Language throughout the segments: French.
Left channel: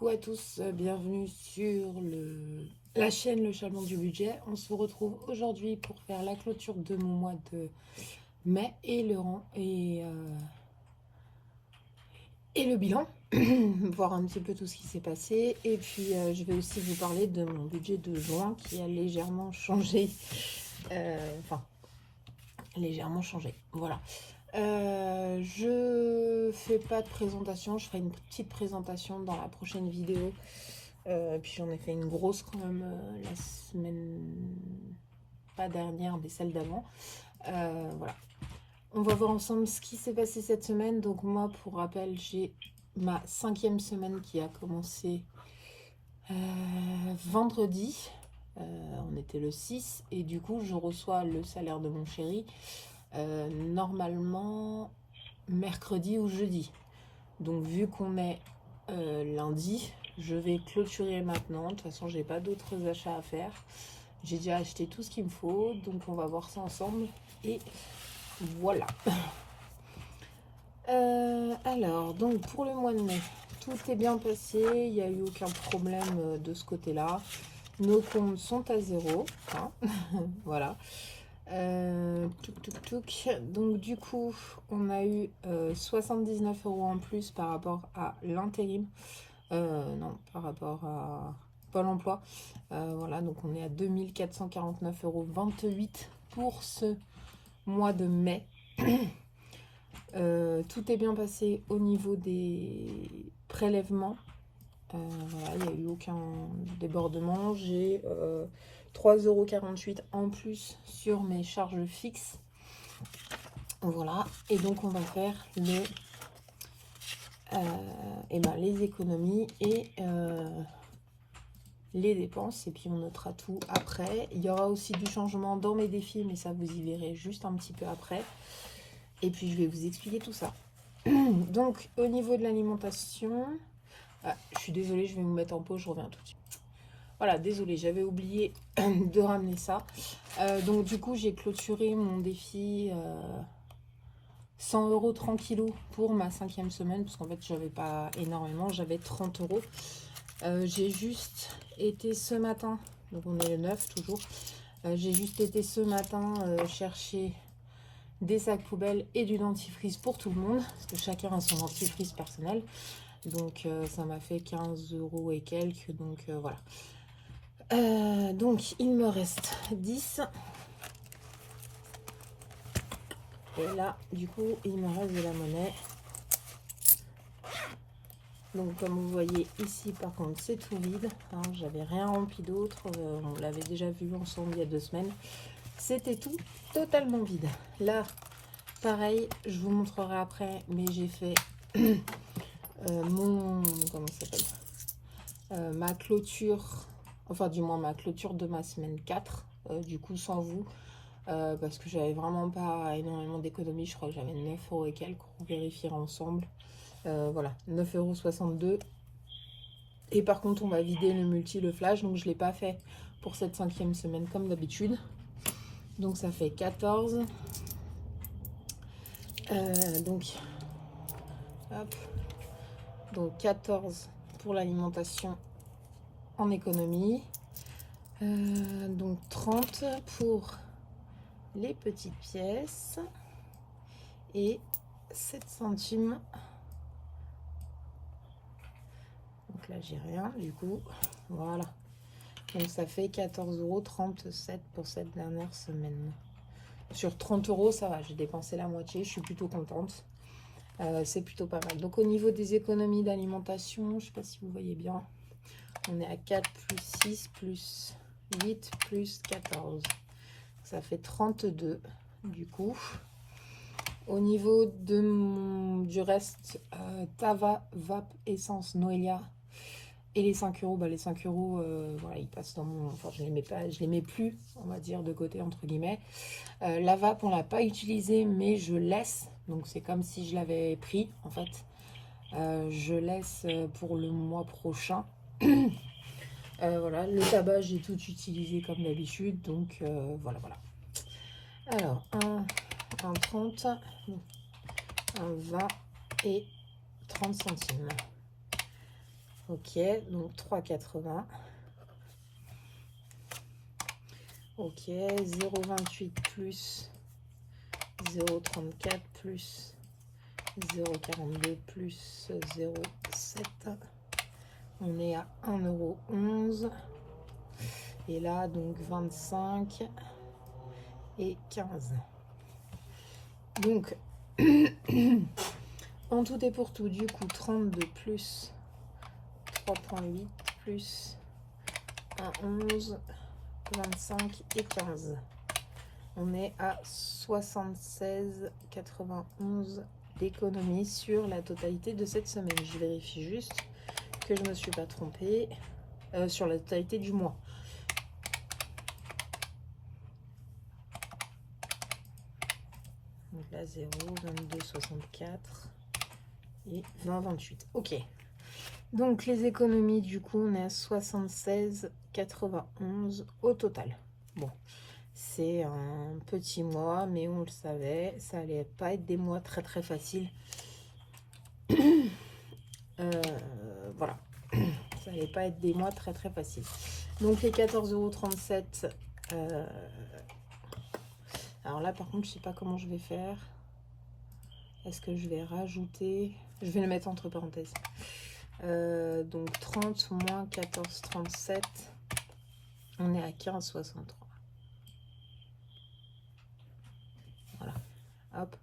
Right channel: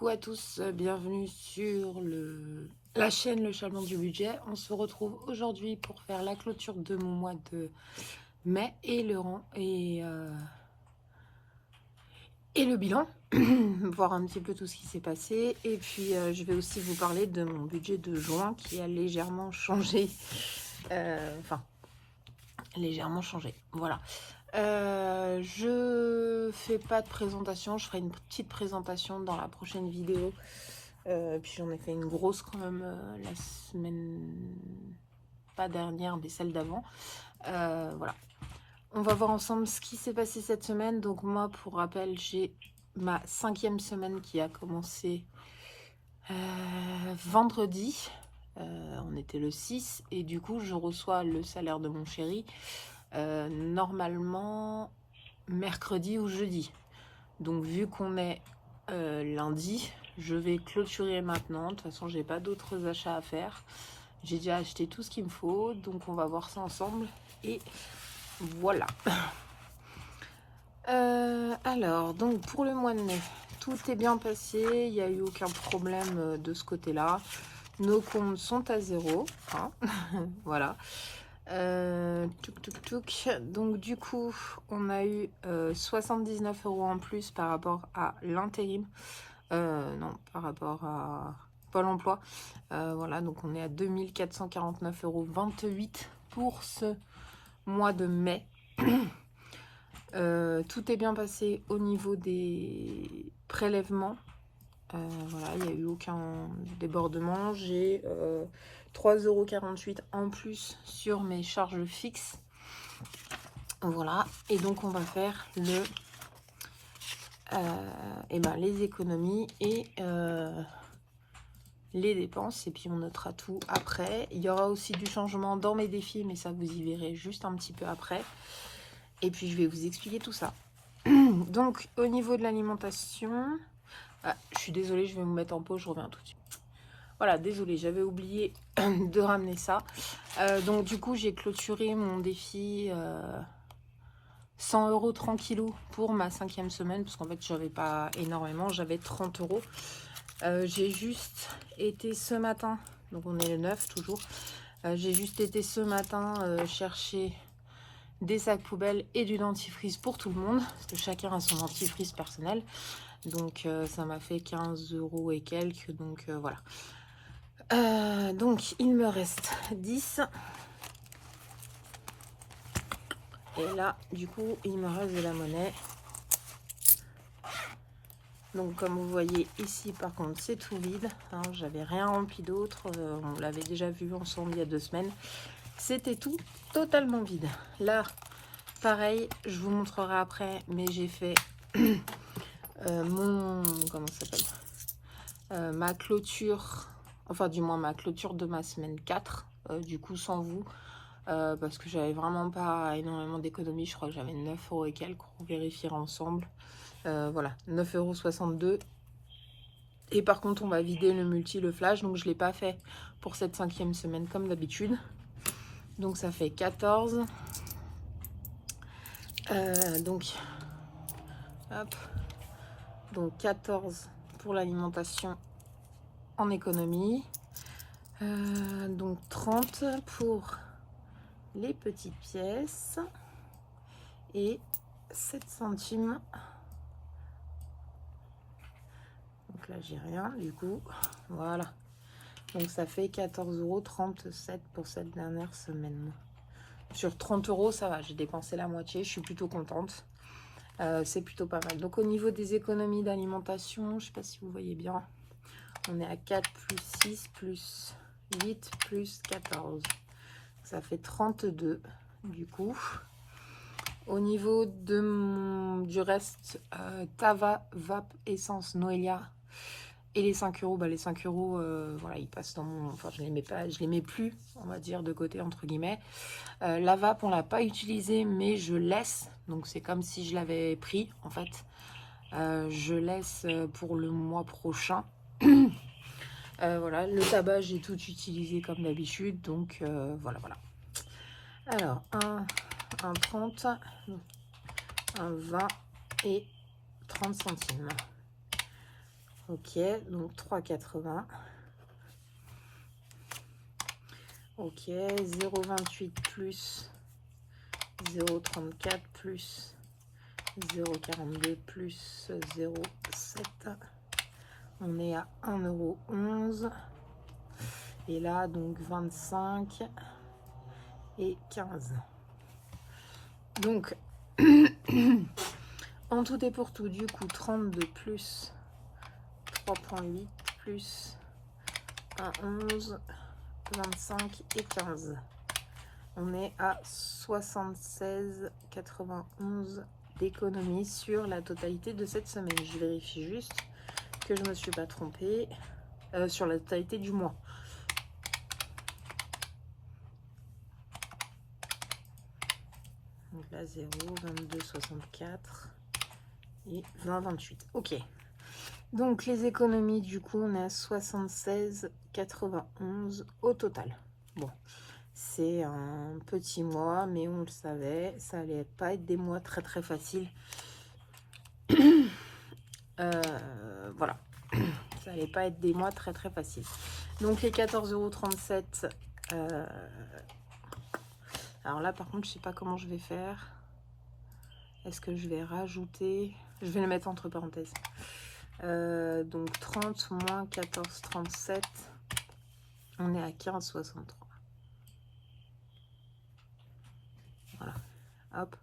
Coucou à tous, bienvenue sur la chaîne Le Charbon du Budget. On se retrouve aujourd'hui pour faire la clôture de mon mois de mai et le bilan, voir un petit peu tout ce qui s'est passé. Et puis je vais aussi vous parler de mon budget de juin qui a légèrement changé. Légèrement changé, voilà. Je fais pas de présentation, je ferai une petite présentation dans la prochaine vidéo. Puis j'en ai fait une grosse quand même la semaine, pas dernière, mais celle d'avant. Voilà. On va voir ensemble ce qui s'est passé cette semaine. Donc moi, pour rappel, j'ai ma 5e semaine qui a commencé vendredi. On était le 6 et du coup, je reçois le salaire de mon chéri. Normalement mercredi ou jeudi. Donc vu qu'on est lundi, je vais clôturer maintenant. De toute façon, j'ai pas d'autres achats à faire. J'ai déjà acheté tout ce qu'il me faut. Donc on va voir ça ensemble. Et voilà. Alors, donc pour le mois de mai, tout est bien passé. Il n'y a eu aucun problème de ce côté-là. Nos comptes sont à zéro. Hein. Voilà. Donc du coup on a eu 79 € en plus par rapport à l'intérim, non, par rapport à Pôle emploi. Voilà, donc on est à 2449,28 € pour ce mois de mai. Tout est bien passé au niveau des prélèvements. Voilà, il n'y a eu aucun débordement. J'ai 3,48 € en plus sur mes charges fixes. Voilà, et donc on va faire les économies et les dépenses, et puis on notera tout après. Il y aura aussi du changement dans mes défis, mais ça vous y verrez juste un petit peu après. Et puis je vais vous expliquer tout ça. Donc au niveau de l'alimentation, je suis désolée, je vais vous mettre en pause, je reviens tout de suite. Voilà, désolée, j'avais oublié de ramener ça. Donc du coup, j'ai clôturé mon défi 100 € tranquillou pour ma 5e semaine, parce qu'en fait, j'avais pas énormément, j'avais 30 €. J'ai juste été ce matin, donc on est le 9 toujours, j'ai juste été ce matin chercher des sacs poubelles et du dentifrice pour tout le monde, parce que chacun a son dentifrice personnel. Donc ça m'a fait 15 € et quelques, donc voilà. Donc il me reste 10. Et là, du coup, il me reste de la monnaie. Donc comme vous voyez ici, par contre, c'est tout vide. Hein, j'avais rien rempli d'autre. On l'avait déjà vu ensemble il y a 2 semaines. C'était tout totalement vide. Là, pareil, je vous montrerai après, mais j'ai fait comment ça s'appelle, ma clôture, enfin du moins ma clôture de ma semaine 4, du coup sans vous, parce que j'avais vraiment pas énormément d'économies. Je crois que j'avais 9 € et quelques, on vérifiera ensemble. Voilà, 9,62 €. Et par contre, on va vider le multi, le flash, donc je l'ai pas fait pour cette 5e semaine comme d'habitude. Donc ça fait 14. Donc 14 pour l'alimentation en économie. Donc 30 pour les petites pièces et 7 centimes. Donc là j'ai rien du coup, voilà. Donc ça fait 14,37 € pour cette dernière semaine. Sur 30 € ça va, j'ai dépensé la moitié, je suis plutôt contente. C'est plutôt pas mal. Donc au niveau des économies d'alimentation, je sais pas si vous voyez bien, on est à 4 plus 6 plus 8 plus 14. Ça fait 32 du coup. Au niveau du reste, Tava, Vape, Essence, Noelia et les 5 €, les 5 €, voilà, ils passent dans mon... Enfin, je les mets pas, je les mets plus, on va dire, de côté, entre guillemets. La Vape, on l'a pas utilisée, mais je laisse. Donc, c'est comme si je l'avais pris, en fait. Je laisse pour le mois prochain. Voilà, le tabac, j'ai tout utilisé comme d'habitude. Donc, voilà. Alors, un 30, un 20 et 30 centimes. Ok, donc 3,80. Ok, 0,28 plus 0,34 plus 0,42 plus 0,7. On est à 1,11 €. Et là, donc 25 et 15. Donc, en tout et pour tout, du coup, 32 plus 3,8 plus 1,11, 25 et 15. On est à 76,91 d'économie sur la totalité de cette semaine. Je vérifie juste que je ne me suis pas trompée sur la totalité du mois. Donc là, 0, 22, 64 et 20, 28. Ok. Donc les économies, du coup, on est à 76,91 au total. Bon, c'est un petit mois, mais on le savait, ça allait pas être des mois très très faciles. Voilà, ça allait pas être des mois très très faciles. Donc les 14,37 €. Alors là, par contre, je sais pas comment je vais faire. Est-ce que je vais rajouter? Je vais le mettre entre parenthèses. Donc 30 moins 14,37, on est à 15,63. Voilà, hop.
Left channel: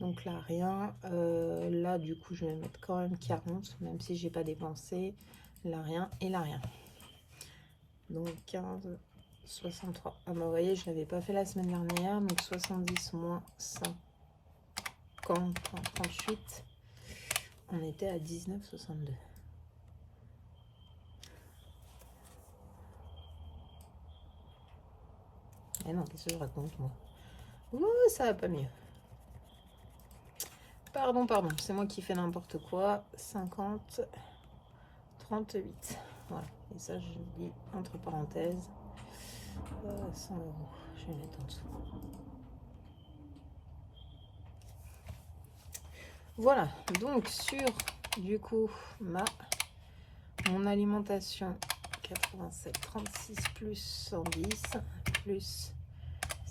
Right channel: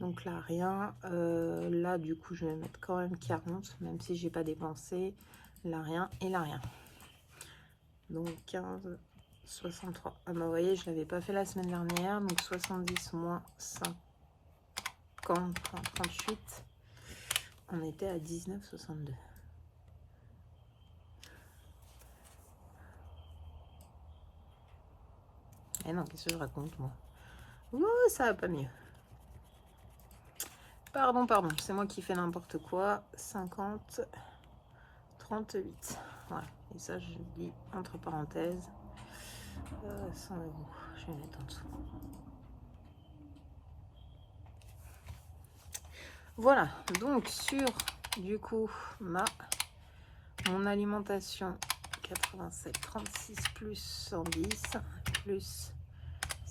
Donc là, rien. Là, du coup, je vais mettre quand même 40, même si j'ai pas dépensé. Là, rien et là, rien. Donc 15,63. Ah, bah, vous voyez, je l'avais pas fait la semaime dernière. Donc 70 moins 50, 38. On était à 19,62. Et non, qu'est-ce que je raconte, moi? Ouh, ça va pas mieux. Pardon, c'est moi qui fais n'importe quoi. 50, 38. Voilà. Et ça, je dis entre parenthèses. 100 €. Je vais mettre en dessous. Voilà. Donc, sur, du coup, mon alimentation, 87, 36 plus 110 plus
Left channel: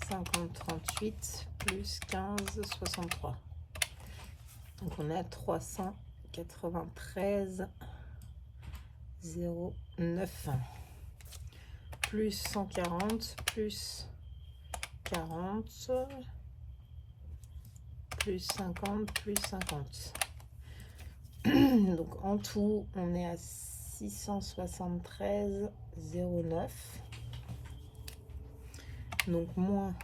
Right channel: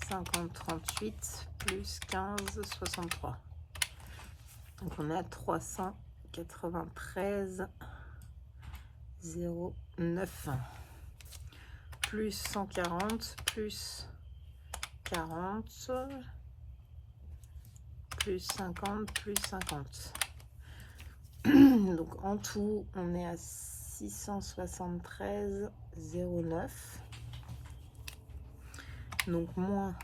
50, 38 plus 15, 63. Donc, on est à 393,09 plus 140 plus 40 plus 50 plus 50. Donc en tout, on est à 673,09. Donc moins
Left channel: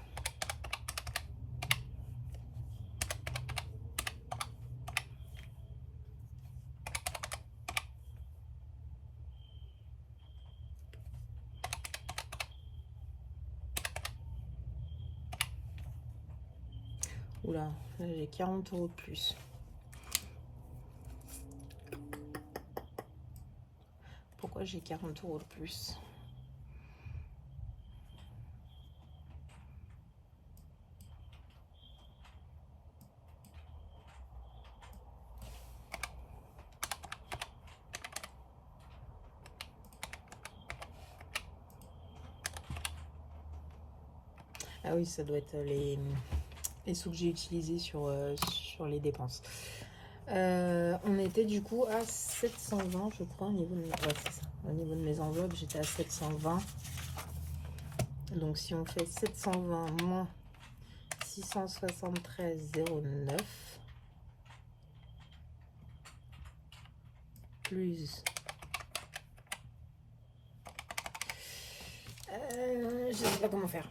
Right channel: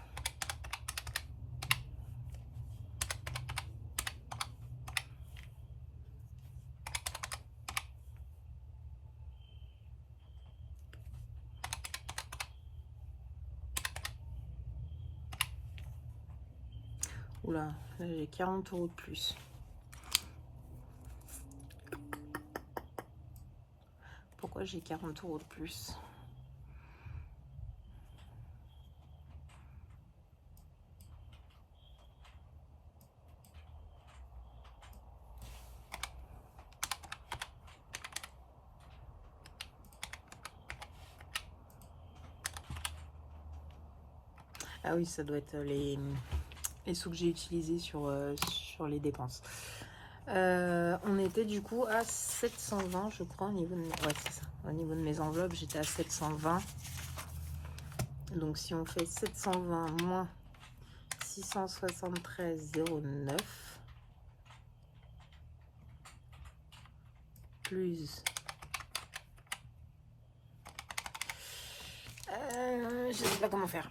oula, là j'ai 40 € de plus. Pourquoi j'ai 40 € de plus? Ah oui, ça doit être les sous que j'ai utilisés sur les dépenses. On était du coup à 720, je crois, au niveau de ouais, c'est ça. Au niveau de mes enveloppes, j'étais à 720. Donc si on fait 720 moins 673,09 plus je sais pas comment faire.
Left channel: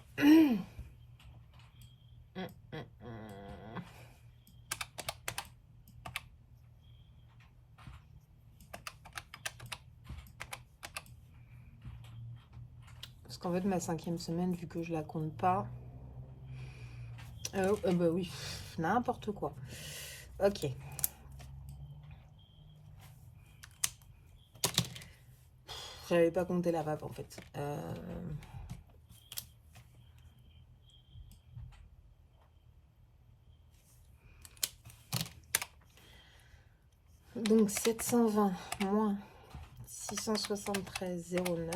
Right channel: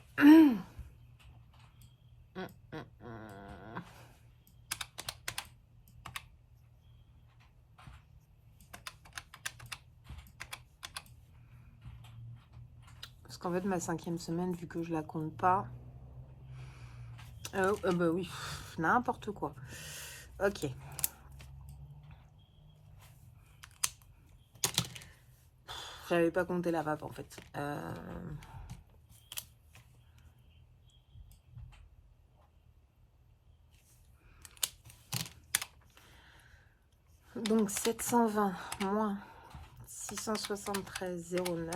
Parce qu'en fait, ma 5e semaine, vu que je la compte pas, bah oui, n'importe quoi. Ok. J'avais pas compté la vape en fait. Donc 720 moins 673,09.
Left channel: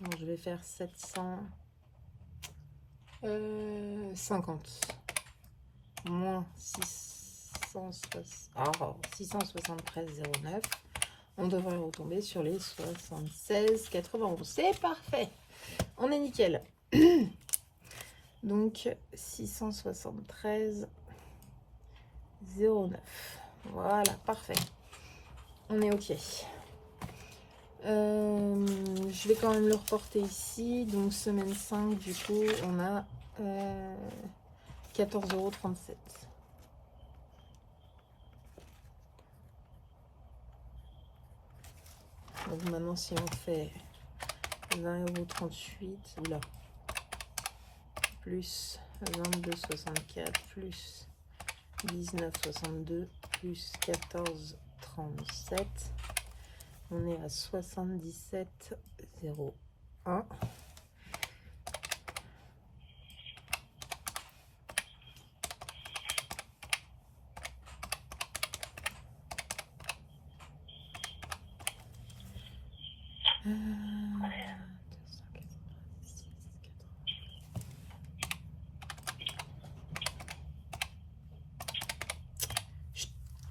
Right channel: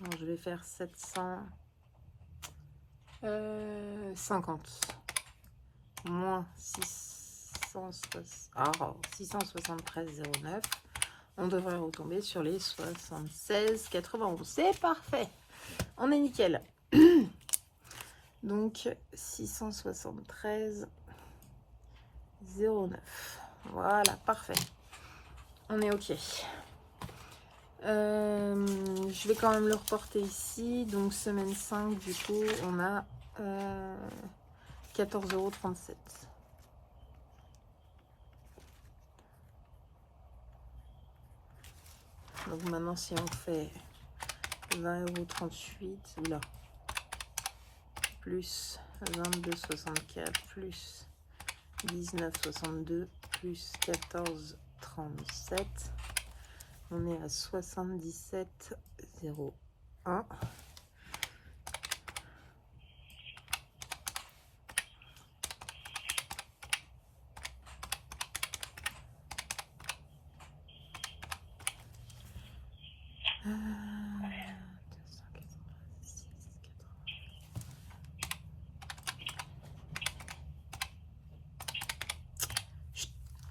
Donc, je vais faire 750 moins 673,09. On devrait retomber sur les 76,91. C'est parfait. On est nickel. Donc 673,09. Voilà, parfait. On est ok. Je vais quand même le reporter ici. Donc semaine 5, du coup, on a 14,37 €. Donc maintenant, si on fait 20,38 €, là, plus 22,64 plus 19,62 plus 14,37, on est à 77,01.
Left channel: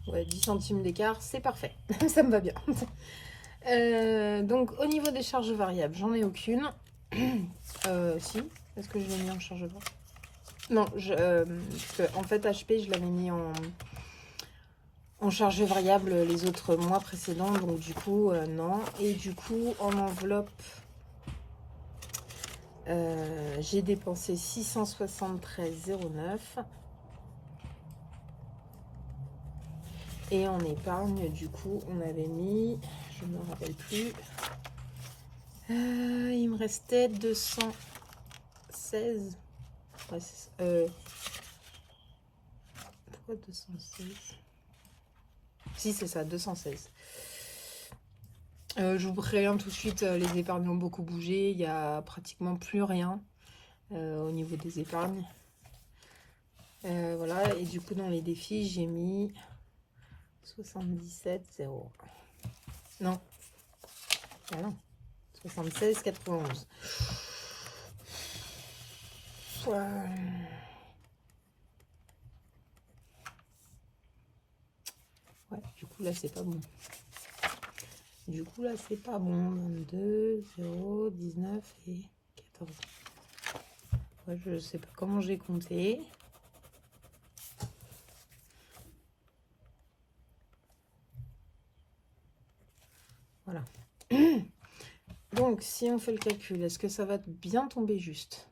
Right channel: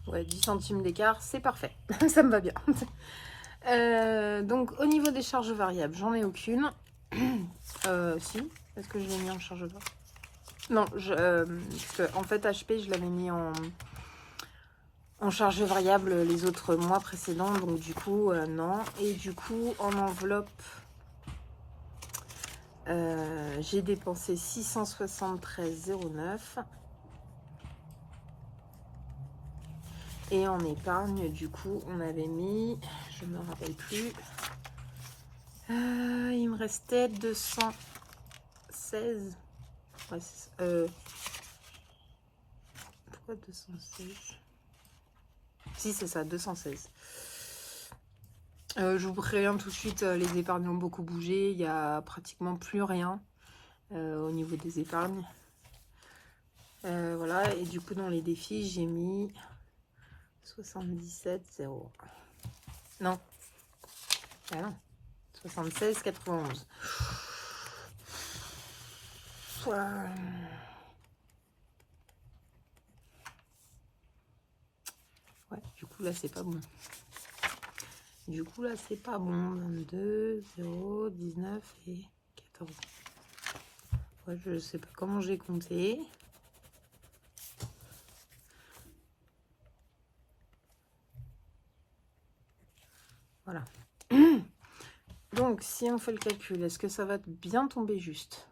Ouais, 10 centimes d'écart, c'est parfait. Ça me va bien. Donc, au niveau des charges variables, j'en ai aucune. Si, est-ce que je l'ai mis en charge variable? Non, parce que, en fait, HP, je l'avais mis en charge variable les autres mois précédents. Donc, du coup, non. Et du coup, en enveloppe, j'ai dépensé 673,09. Et en épargne, du coup, on avait mis, je ne me rappelle plus, il me restait 216. Ouais, pourquoi 216? Si, c'est ça, 216. Je vous préviens tout de suite, les épargnes ont beaucoup bougé. Il n'y a pratiquement plus rien au niveau des épargnes. Voilà, et du coup, dans les défis, j'ai mis 77,0. Non. Ah non. 76,91. Ouais, du coup, là, c'est pas bon. Du coup, là, c'est pas bon. 22, 0, 19 et 14. Ouais, je sais pas comment j'ai compté. Voilà. Donc, si on fait le calcul, est-ce que ça va bien tomber juste?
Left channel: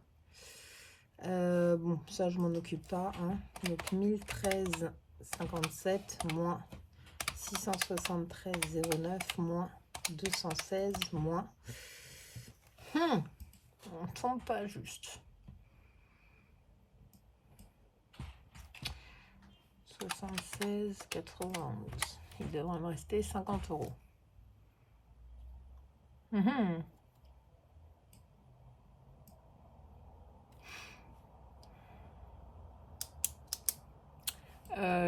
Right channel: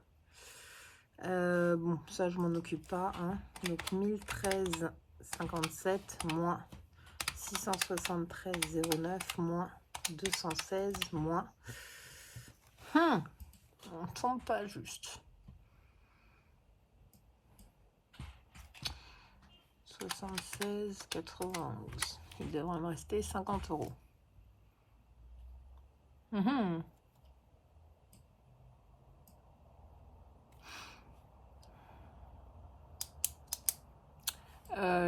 Bon, ça, je m'en occupe pas. Hein. Donc, 1013,57 moins 673,09 moins 216 moins... on tombe pas juste. 76,91. Il devrait me rester 50 €.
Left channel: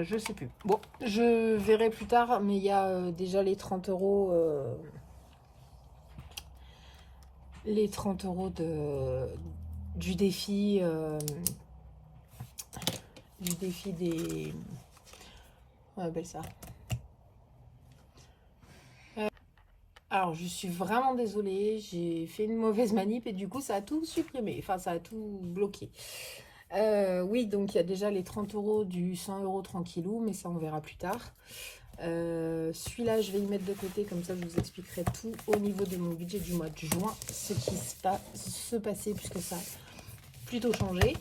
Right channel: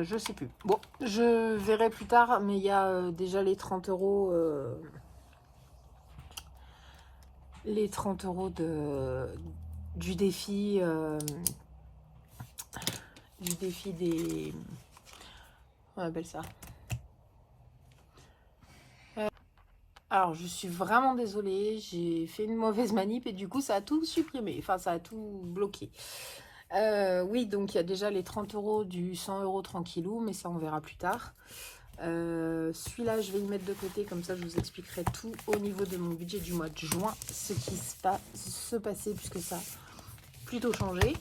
Je sais plus. Bon, je verrai plus tard, mais il y a déjà les 30 €. Les 30 € du défi. Du défi des... On appelle ça. Alors, je suis vraiment désolée. J'ai fait une mauvaise manip et du coup, ça a tout supprimé. Enfin, ça a tout bloqué. Oui, donc il y a déjà les 30 € du 100 € tranquillou, mais ça on verra plus tard. Celui-là, je vais le mettre de côté, comme ça je vous expliquerai tout au niveau de mon budget du mois de juin, ce qui se passait, puisque ça a plutôt changé.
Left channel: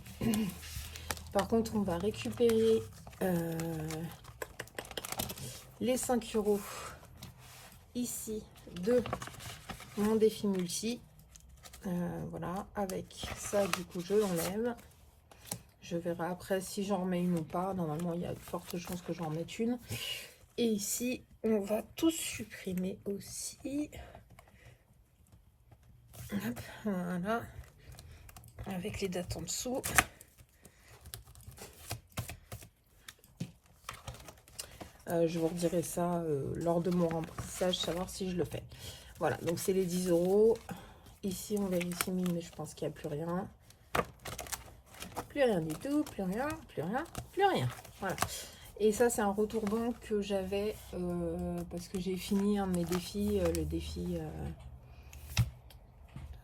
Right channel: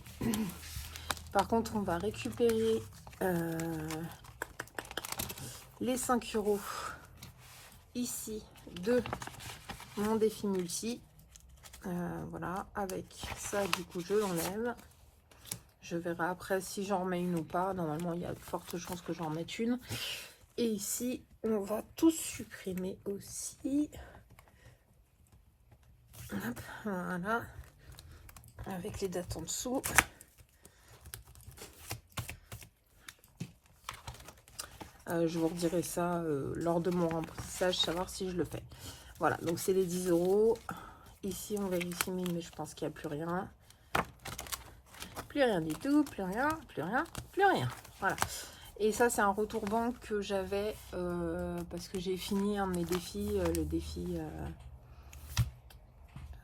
Par contre, on va récupérer les 5 € ici de mon défi multi. Voilà, avec ça, du coup, je l'enlève. Je verrai après si j'en remets une ou pas. Normalement, il y a de fortes chances que j'en mette une. Et ici, on va tout supprimer aussi. Hop, voilà. Avec les dates en dessous. Je vous redirai ça lors de mon remplissage, savoir si je le fais. Voilà, donc c'est les 10 €. Ici, on vérifie 1000, mais je pense qu'il n'y a plus rien. Plus rien du tout, plus rien, plus rien, plus rien. Voilà. Et ça, c'est un retour banque que j'avais parce que j'ai fini un de mes défis, le défi,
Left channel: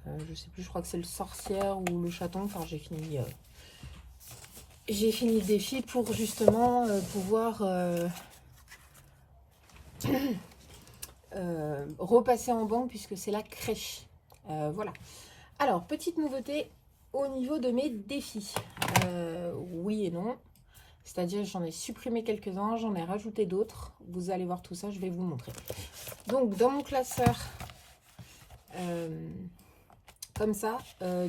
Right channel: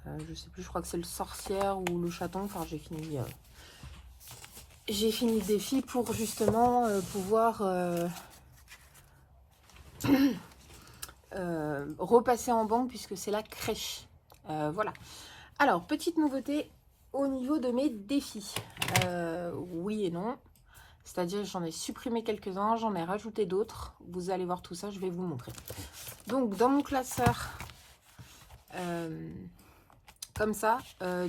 je sais plus, je crois que c'est le sorcière ou le chaton. Enfin, j'ai fini le défi pour justement pouvoir repasser en banque puisque c'est la crèche. Voilà. Alors, petite nouveauté au niveau de mes défis. Oui et non. C'est-à-dire j'en ai supprimé quelques-uns, j'en ai rajouté d'autres. Vous allez voir tout ça, je vais vous montrer. Donc, dans mon classeur, comme ça,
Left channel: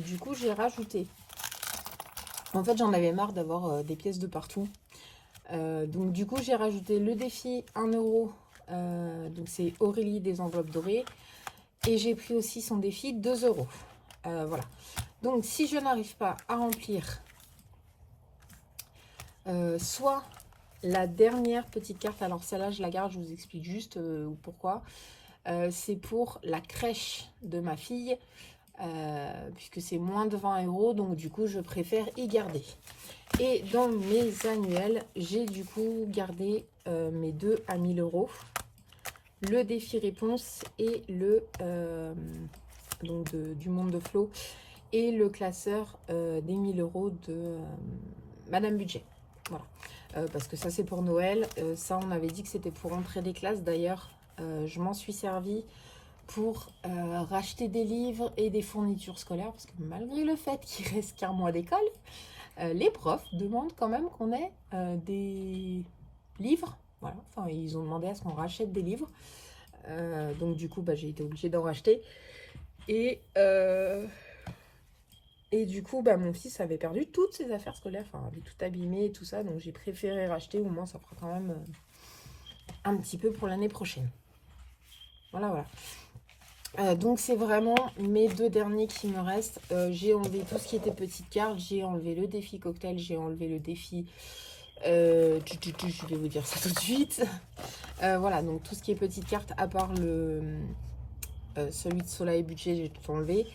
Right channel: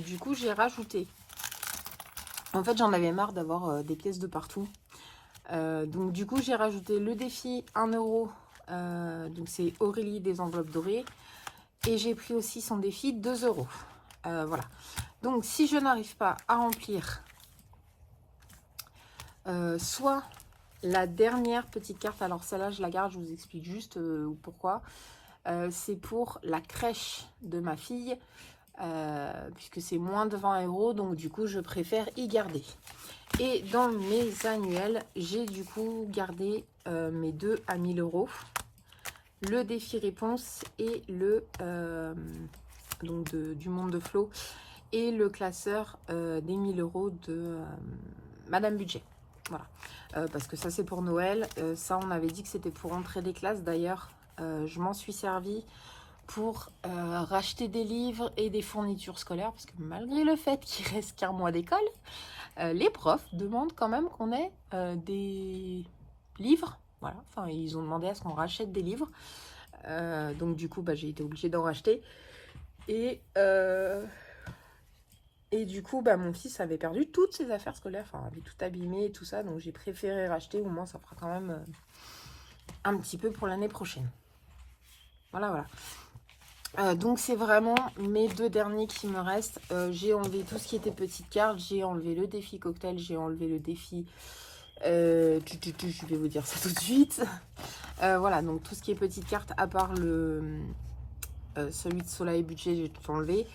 du coup, j'ai rajouté. En fait, j'en avais marre d'avoir des pièces de partout. Donc, du coup, j'ai rajouté le défi 1 €. Donc, c'est Aurélie des enveloppes dorées. Et j'ai pris aussi son défi 2 €. Voilà. Donc, si je n'arrive pas à remplir soit la dernière petite carte, alors celle-là, je la garde, je vous explique juste pourquoi. C'est pour la crèche de ma fille, puisque c'est moins de 20 €, donc du coup, je préfère y garder. Et dans mes annuels, j'ai du coup gardé mes 2 à 1000 €. Le défi réponse et le donc du monde de Flo et le classeur des 1000 € de Madame Budget. Voilà, parce que ça c'est pour Noël. Ça on avait dit que c'était pour entrer des classes. D'ailleurs, je m'en suis servi pour racheter des livres et des fournitures scolaires, parce que malgré le fait qu'il reste qu'un mois d'école, les profs demandent quand même qu'on ait des livres. Voilà, enfin ils ont demandé à ce qu'on rachète des livres. Donc du coup, bah, j'ai été obligée d'en racheter. Et du coup, bah, mon fils avait perdu toutes ses affaires scolaires. Enfin, avait tout abîmé et tout ça. Donc j'ai préféré racheter. Au moins, ça fera quand même un petit peu pour l'année prochaine. Voilà, voilà. Donc c'est vraiment mes 2 derniers qui me restent. J'ai enlevé tout ce qui était petite carte. J'ai enlevé le défi cocktail. J'ai enlevé le défi... je vais vous dire ça tout de suite. Voilà, donc tout ce qui est petite carte, à part celui de Soleil Budget, j'ai tout enlevé.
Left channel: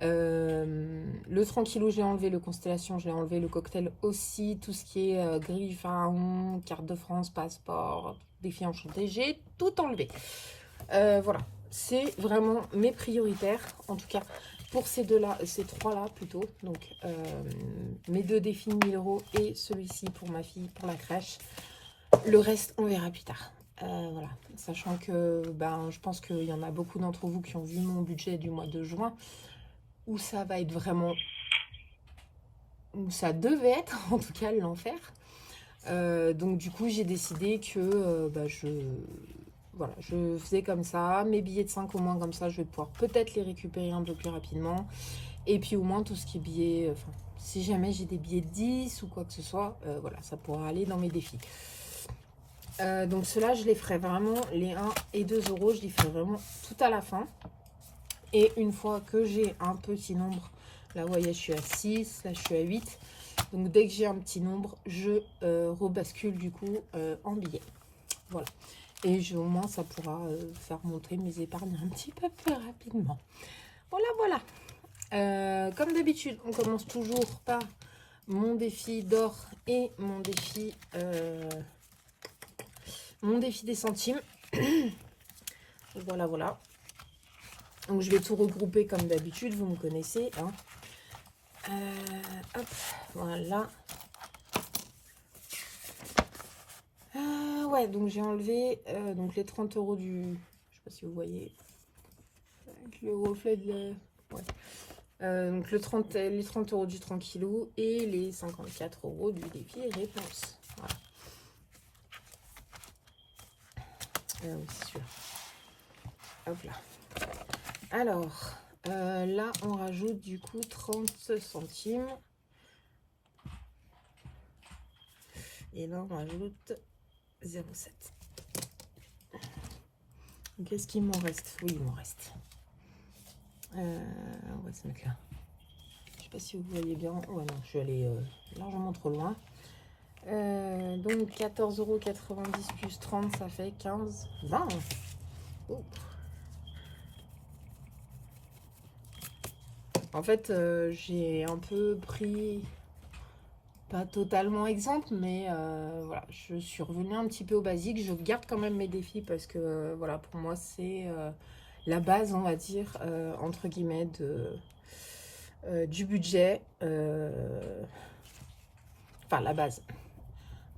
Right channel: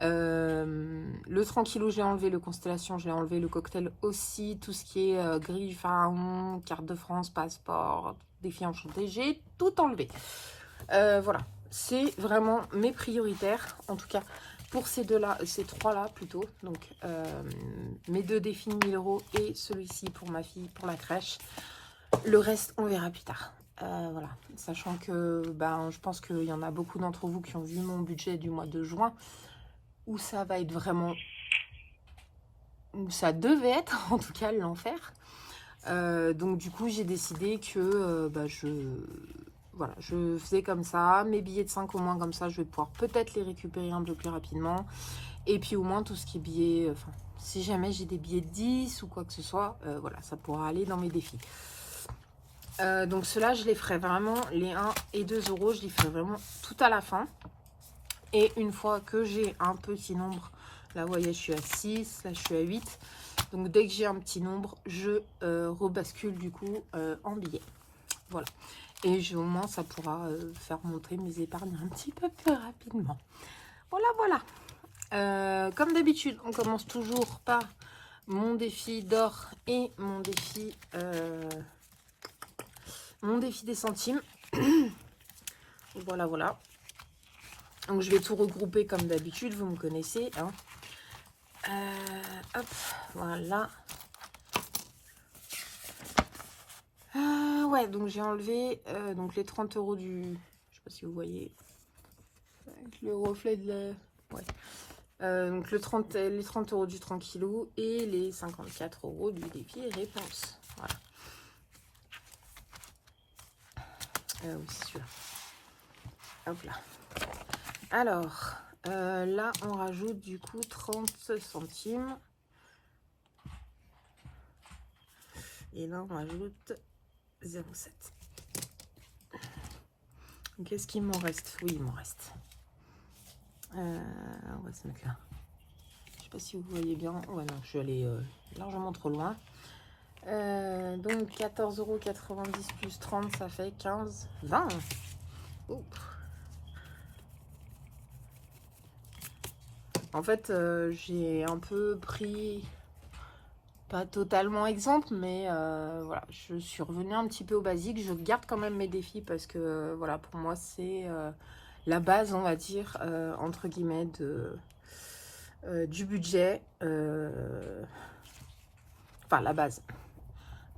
Le Tranquillou, j'ai enlevé. Le Constellation, je l'ai enlevé. Le cocktail aussi. Tout ce qui est grille pharaon, carte de France, passeport, défi enchanté, j'ai tout enlevé. Voilà, c'est vraiment mes prioritaires. En tout cas, pour ces deux-là, ces trois-là plutôt. Donc, mes 2 défis 1000 € et celui-ci pour ma fille, pour la crèche. Le reste, on verra plus tard. Voilà, sachant que ben, je pense qu'il y en a beaucoup d'entre vous qui ont vu mon budget du mois de juin, où ça va être vraiment, où ça devait être en tout cas l'enfer. Donc du coup j'ai décidé que bah, voilà, je faisais comme ça, mes billets de 5 au moins, comme ça je vais pouvoir peut-être les récupérer un peu plus rapidement. Et puis au moins tout ce qui est billets, enfin, si jamais j'ai des billets de 10 ou quoi que ce soit, voilà, ça pourra aller dans mes défis. Donc ceux-là, je les ferai vraiment, les 1 et 2 €, je les ferai vraiment tout à la fin. Et une fois que j'ai un petit nombre, là vous voyez, je suis à 6, là je suis à 8. Donc dès que j'ai un petit nombre, je rebascule du coup en billets. Voilà. Et au moins ça pourra faire monter mes épargnes un petit peu plus rapidement. Voilà, voilà. Comme d'habitude, on commence toujours par mon défi d'or et mon défi des centimes. Voilà, voilà. Donc je vais tout regrouper comme d'habitude, vous me connaissez. Hein. Hop, voilà. Ouais, donc j'ai enlevé donc les 30 € du... Je sais pas si vous voyez. Avec le reflet de la... Ouais. Donc les 30 € du Tranquillou et les 54 € du défi réponse. Voilà. Oui, c'est sûr. Hop là. Alors, là, on rajoute du coup 30 centimes. Et là, on rajoute 0,7. Qu'est-ce qu'il m'en reste? Oui, il m'en reste. On va se mettre là. Je sais pas si vous voyez bien. Ouais, non, je suis allée largement trop loin. Donc 14,90 € plus 30, ça fait 15, 20. Oh. En fait, j'ai un peu pris, pas totalement exemple, mais voilà, je suis revenue un petit peu au basique. Je garde quand même mes défis parce que voilà, pour moi, c'est la base, on va dire, entre guillemets, du budget. Enfin, la base.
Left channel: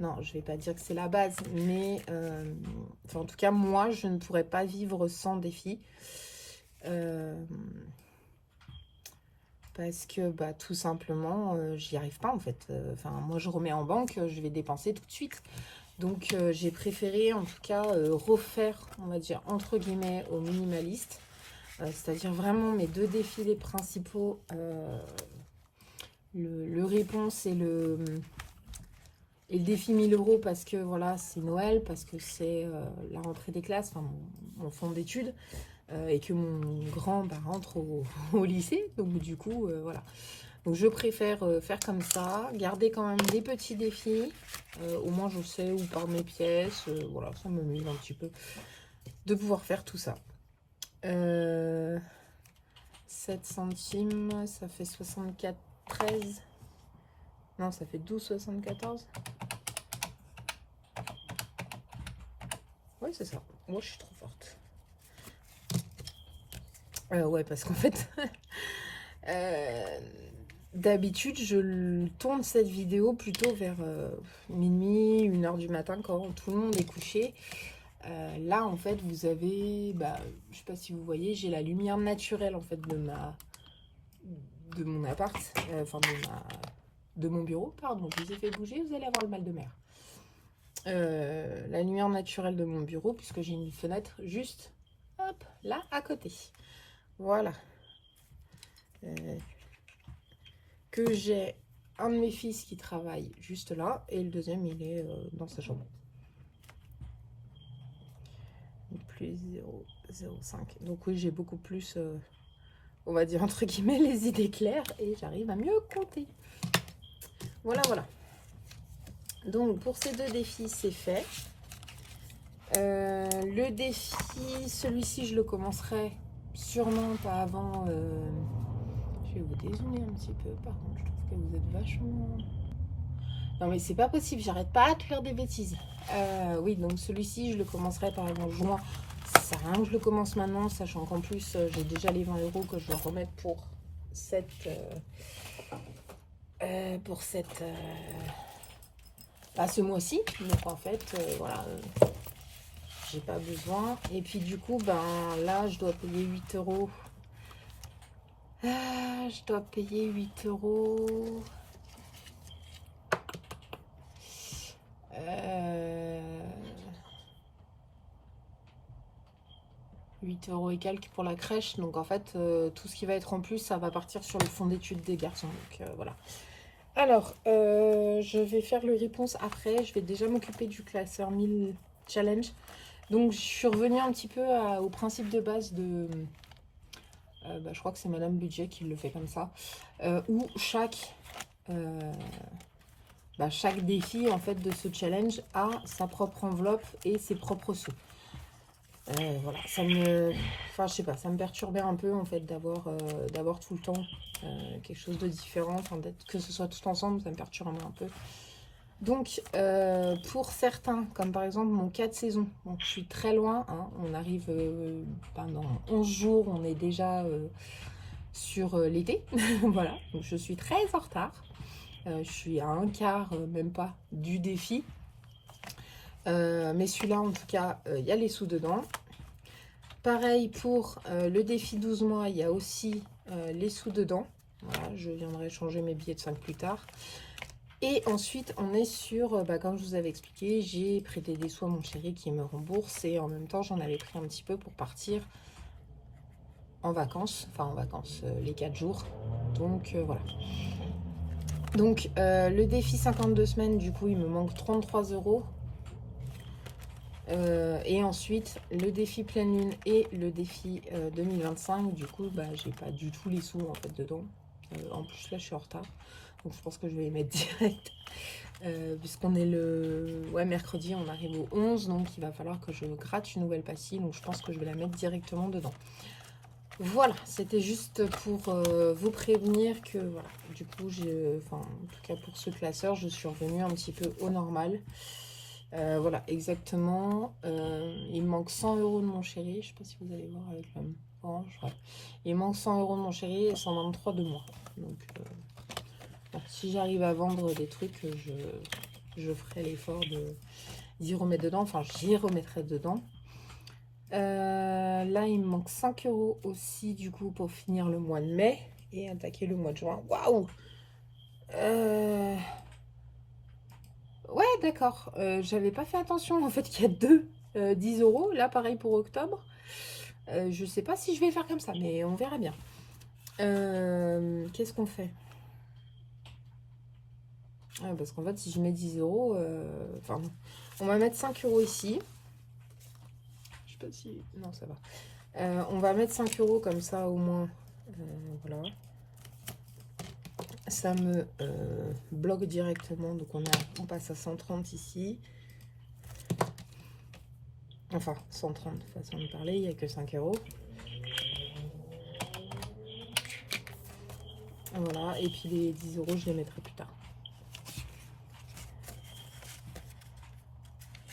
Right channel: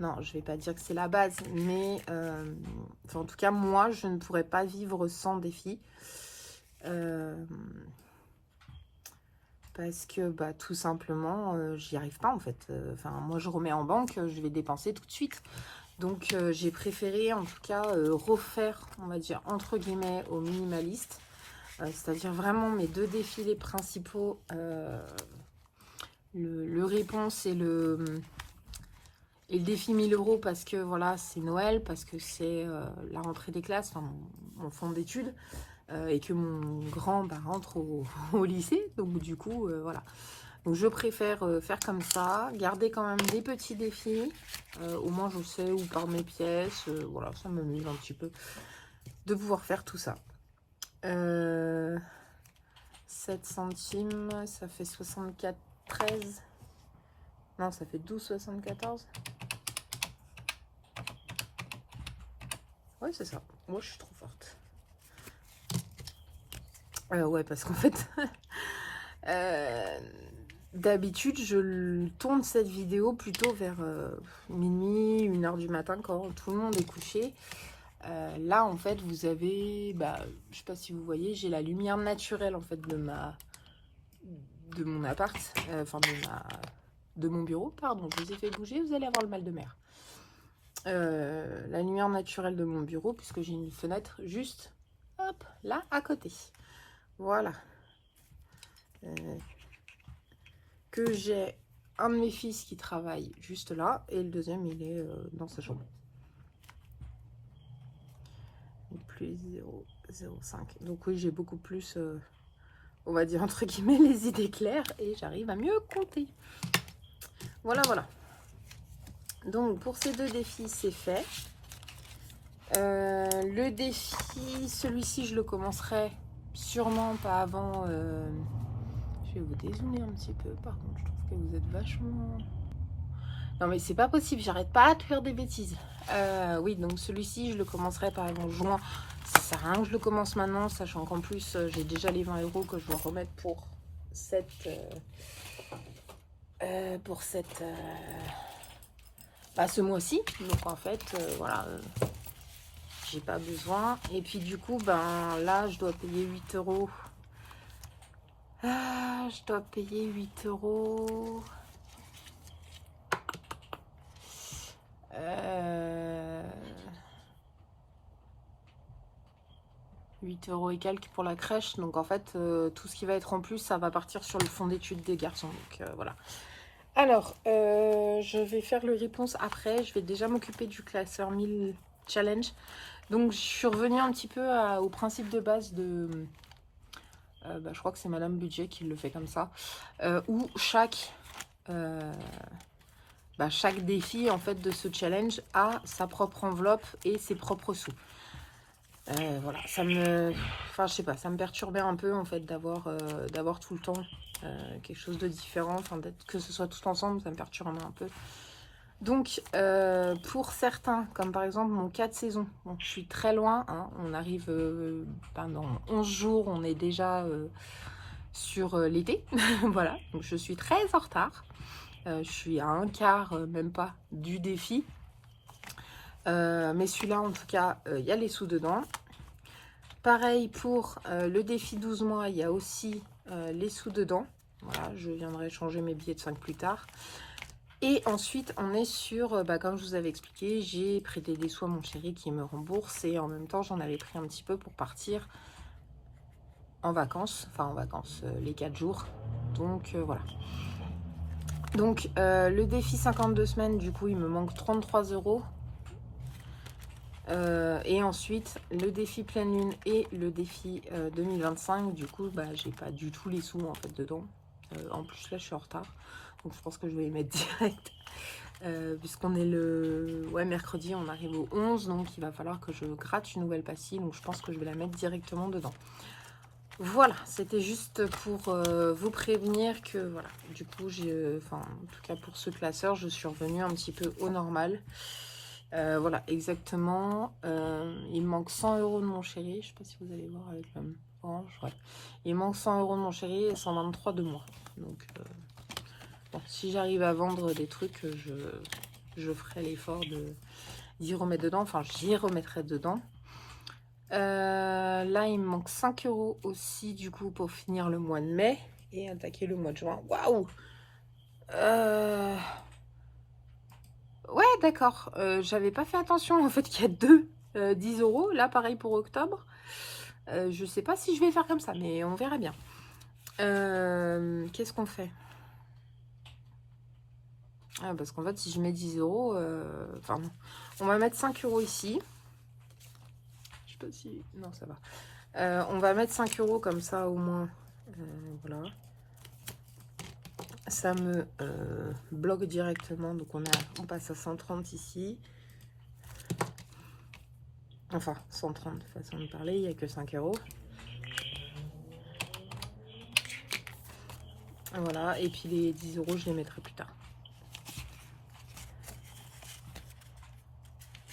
Non, je vais pas dire que c'est la base, mais enfin, en tout cas, moi, je ne pourrais pas vivre sans défi. Parce que bah, tout simplement, j'y arrive pas en fait. Enfin, moi, je remets en banque, je vais dépenser tout de suite. Donc, j'ai préféré en tout cas refaire, on va dire, entre guillemets, au minimaliste. C'est-à-dire vraiment mes deux défilés principaux, le réponse et le défi 1000 € parce que voilà, c'est Noël, parce que c'est la rentrée des classes, enfin mon fond d'études, et que mon grand bah, rentre au lycée. Donc du coup, voilà. Donc je préfère faire comme ça, garder quand même des petits défis. Au moins je sais où par mes pièces. Voilà, ça m'amuse un petit peu de pouvoir faire tout ça. 7 centimes, ça fait 74,13. Non, ça fait 12,74. Oui, c'est ça. Moi, je suis trop forte. Ouais, parce qu'en fait, d'habitude, je tourne cette vidéo plutôt vers minuit, 1 h du matin, quand tout le monde est couché. Là, en fait, vous avez, bah, je sais pas si vous voyez, j'ai la lumière naturelle, en fait, de mon appart, enfin, de mon bureau, pardon, je vous ai fait bouger, vous allez avoir le mal de mer. La lumière naturelle de mon bureau, puisque j'ai une fenêtre juste, hop, là, à côté. Voilà. Que j'ai un de mes fils qui travaille juste là, et le deuxième, il est dans sa chambre. Plus 0,05. Donc oui, j'ai beaucoup plus, on va dire, entre guillemets, les idées claires, et j'arrive à mieux compter. Voilà, voilà. Donc, pour ces deux défis, c'est fait. Le défi, celui-ci, je le commencerai sûrement pas avant... je vais vous dézoomer un petit peu. Par contre, je trouve que vous êtes vachement... Non, mais c'est pas possible. J'arrête pas de faire des bêtises. Oui, donc celui-ci, je le commencerai par exemple juin. Ça sert à rien que je le commence maintenant, sachant qu'en plus, j'ai déjà les 20 € que je dois remettre pour cette... ce mois-ci. Donc en fait, voilà, j'ai pas besoin. Et puis du coup, ben là, je dois payer 8 €. Je dois payer 8 €. 8 € et quelques pour la crèche. Donc en fait, tout ce qui va être en plus, ça va partir sur le fonds d'études des garçons. Donc voilà. Alors, je vais faire le réponse après. Je vais déjà m'occuper du classeur 1000 challenge. Donc, je suis revenue un petit peu au principe de base de... je crois que c'est Madame Budget qui le fait comme ça. Où chaque défi en fait de ce challenge a sa propre enveloppe et ses propres sous. Voilà, ça me... Enfin, je sais pas, ça me perturbait un peu en fait d'avoir tout le temps quelque chose de différent. Enfin, que ce soit tout ensemble, ça me perturbe un peu. Donc, pour certains, comme par exemple mon cas de saison, donc je suis très loin, hein, on arrive dans 11 jours, on est déjà sur l'été. Voilà, donc je suis très en retard. Je suis à un quart, même pas, du défi. Mais celui-là, en tout cas, il y a les sous dedans. Pareil pour le défi 12 mois, il y a aussi les sous dedans. Voilà, je viendrai changer mes billets de 5 plus tard. Et ensuite, on est sur, comme je vous avais expliqué, j'ai prêté des sous à mon chéri qui me rembourse. Et en même temps, j'en avais pris un petit peu pour partir en vacances. Enfin, en vacances, les 4 jours. Donc, voilà. Donc, le défi 52 semaines, du coup, il me manque 33 €. Et ensuite, le défi pleine lune et le défi 2025, du coup, j'ai pas du tout les sous, en fait, dedans. En plus, là, je suis en retard. Donc, je pense que je vais les mettre direct. puisqu'on est le mercredi, on arrive au 11, donc il va falloir que je gratte une nouvelle pastille, donc je pense que je vais la mettre directement dedans. Voilà, c'était juste pour vous prévenir que voilà, du coup en tout cas pour ce classeur, je suis revenue un petit peu au normal. Voilà, exactement. Il me manque 100 € de mon chéri. Je sais pas si vous allez voir avec la orange. Ouais. Il manque 100 € de mon chéri et 123 de moi. Donc, bon, si j'arrive à vendre des trucs, je ferai l'effort d'y remettre dedans. Enfin, j'y remettrai dedans. Là, il me manque 5 € aussi, du coup, pour finir le mois de mai et attaquer le mois de juin. Waouh! Ouais, d'accord. J'avais pas fait attention en fait qu'il y a deux 10 €. Là, pareil pour octobre. Je sais pas si je vais faire comme ça, mais on verra bien. Qu'est-ce qu'on fait? Ah, parce qu'en fait, si je mets 10 €, enfin, on va mettre 5 € ici. Je sais pas si... Non, ça va. On va mettre 5 € comme ça, au moins. Voilà. Ça me bloque directement. Donc, on passe à 130 ici. Enfin, 130, façon de parler, il n'y a que 5 €. Voilà, et puis les 10 €, je les mettrai plus tard.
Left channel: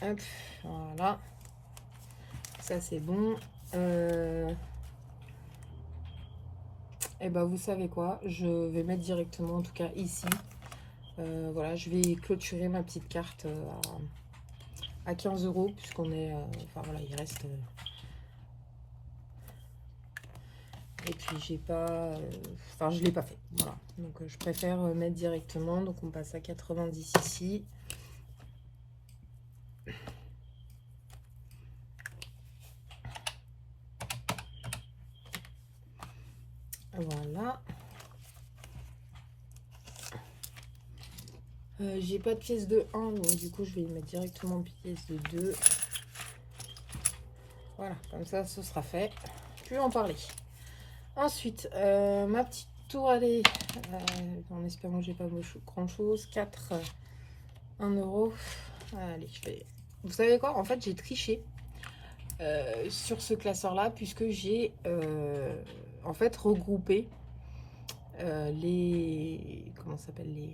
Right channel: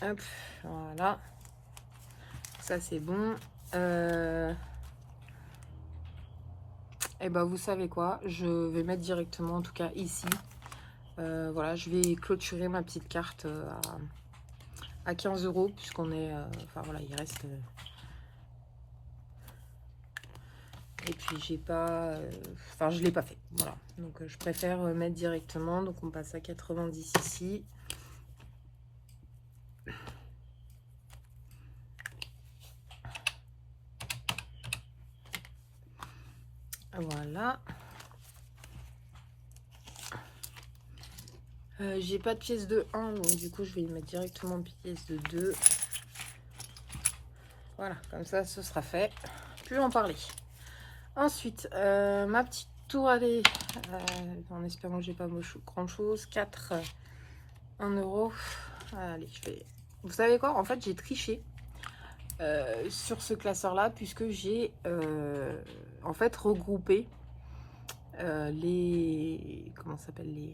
Hop, voilà. Ça, c'est bon. Et ben, vous savez quoi? Je vais mettre directement, en tout cas ici. Voilà, je vais clôturer ma petite carte à 15 €, puisqu'on est... enfin, voilà, il reste... et puis, j'ai pas... enfin, je l'ai pas fait. Voilà. Donc, je préfère mettre directement. Donc, on passe à 90 ici. Voilà. J'ai pas de pièce de 1, donc du coup, je vais y mettre directement pièce de 2. Voilà, comme ça, ce sera fait. Plus en parler. Ensuite, ma petite tour, allez, en espérant que j'ai pas grand chose. 4, 1 €. Allez, je vais... Vous savez quoi? En fait, j'ai triché sur ce classeur-là, puisque j'ai en fait regroupé les... Comment ça s'appelle?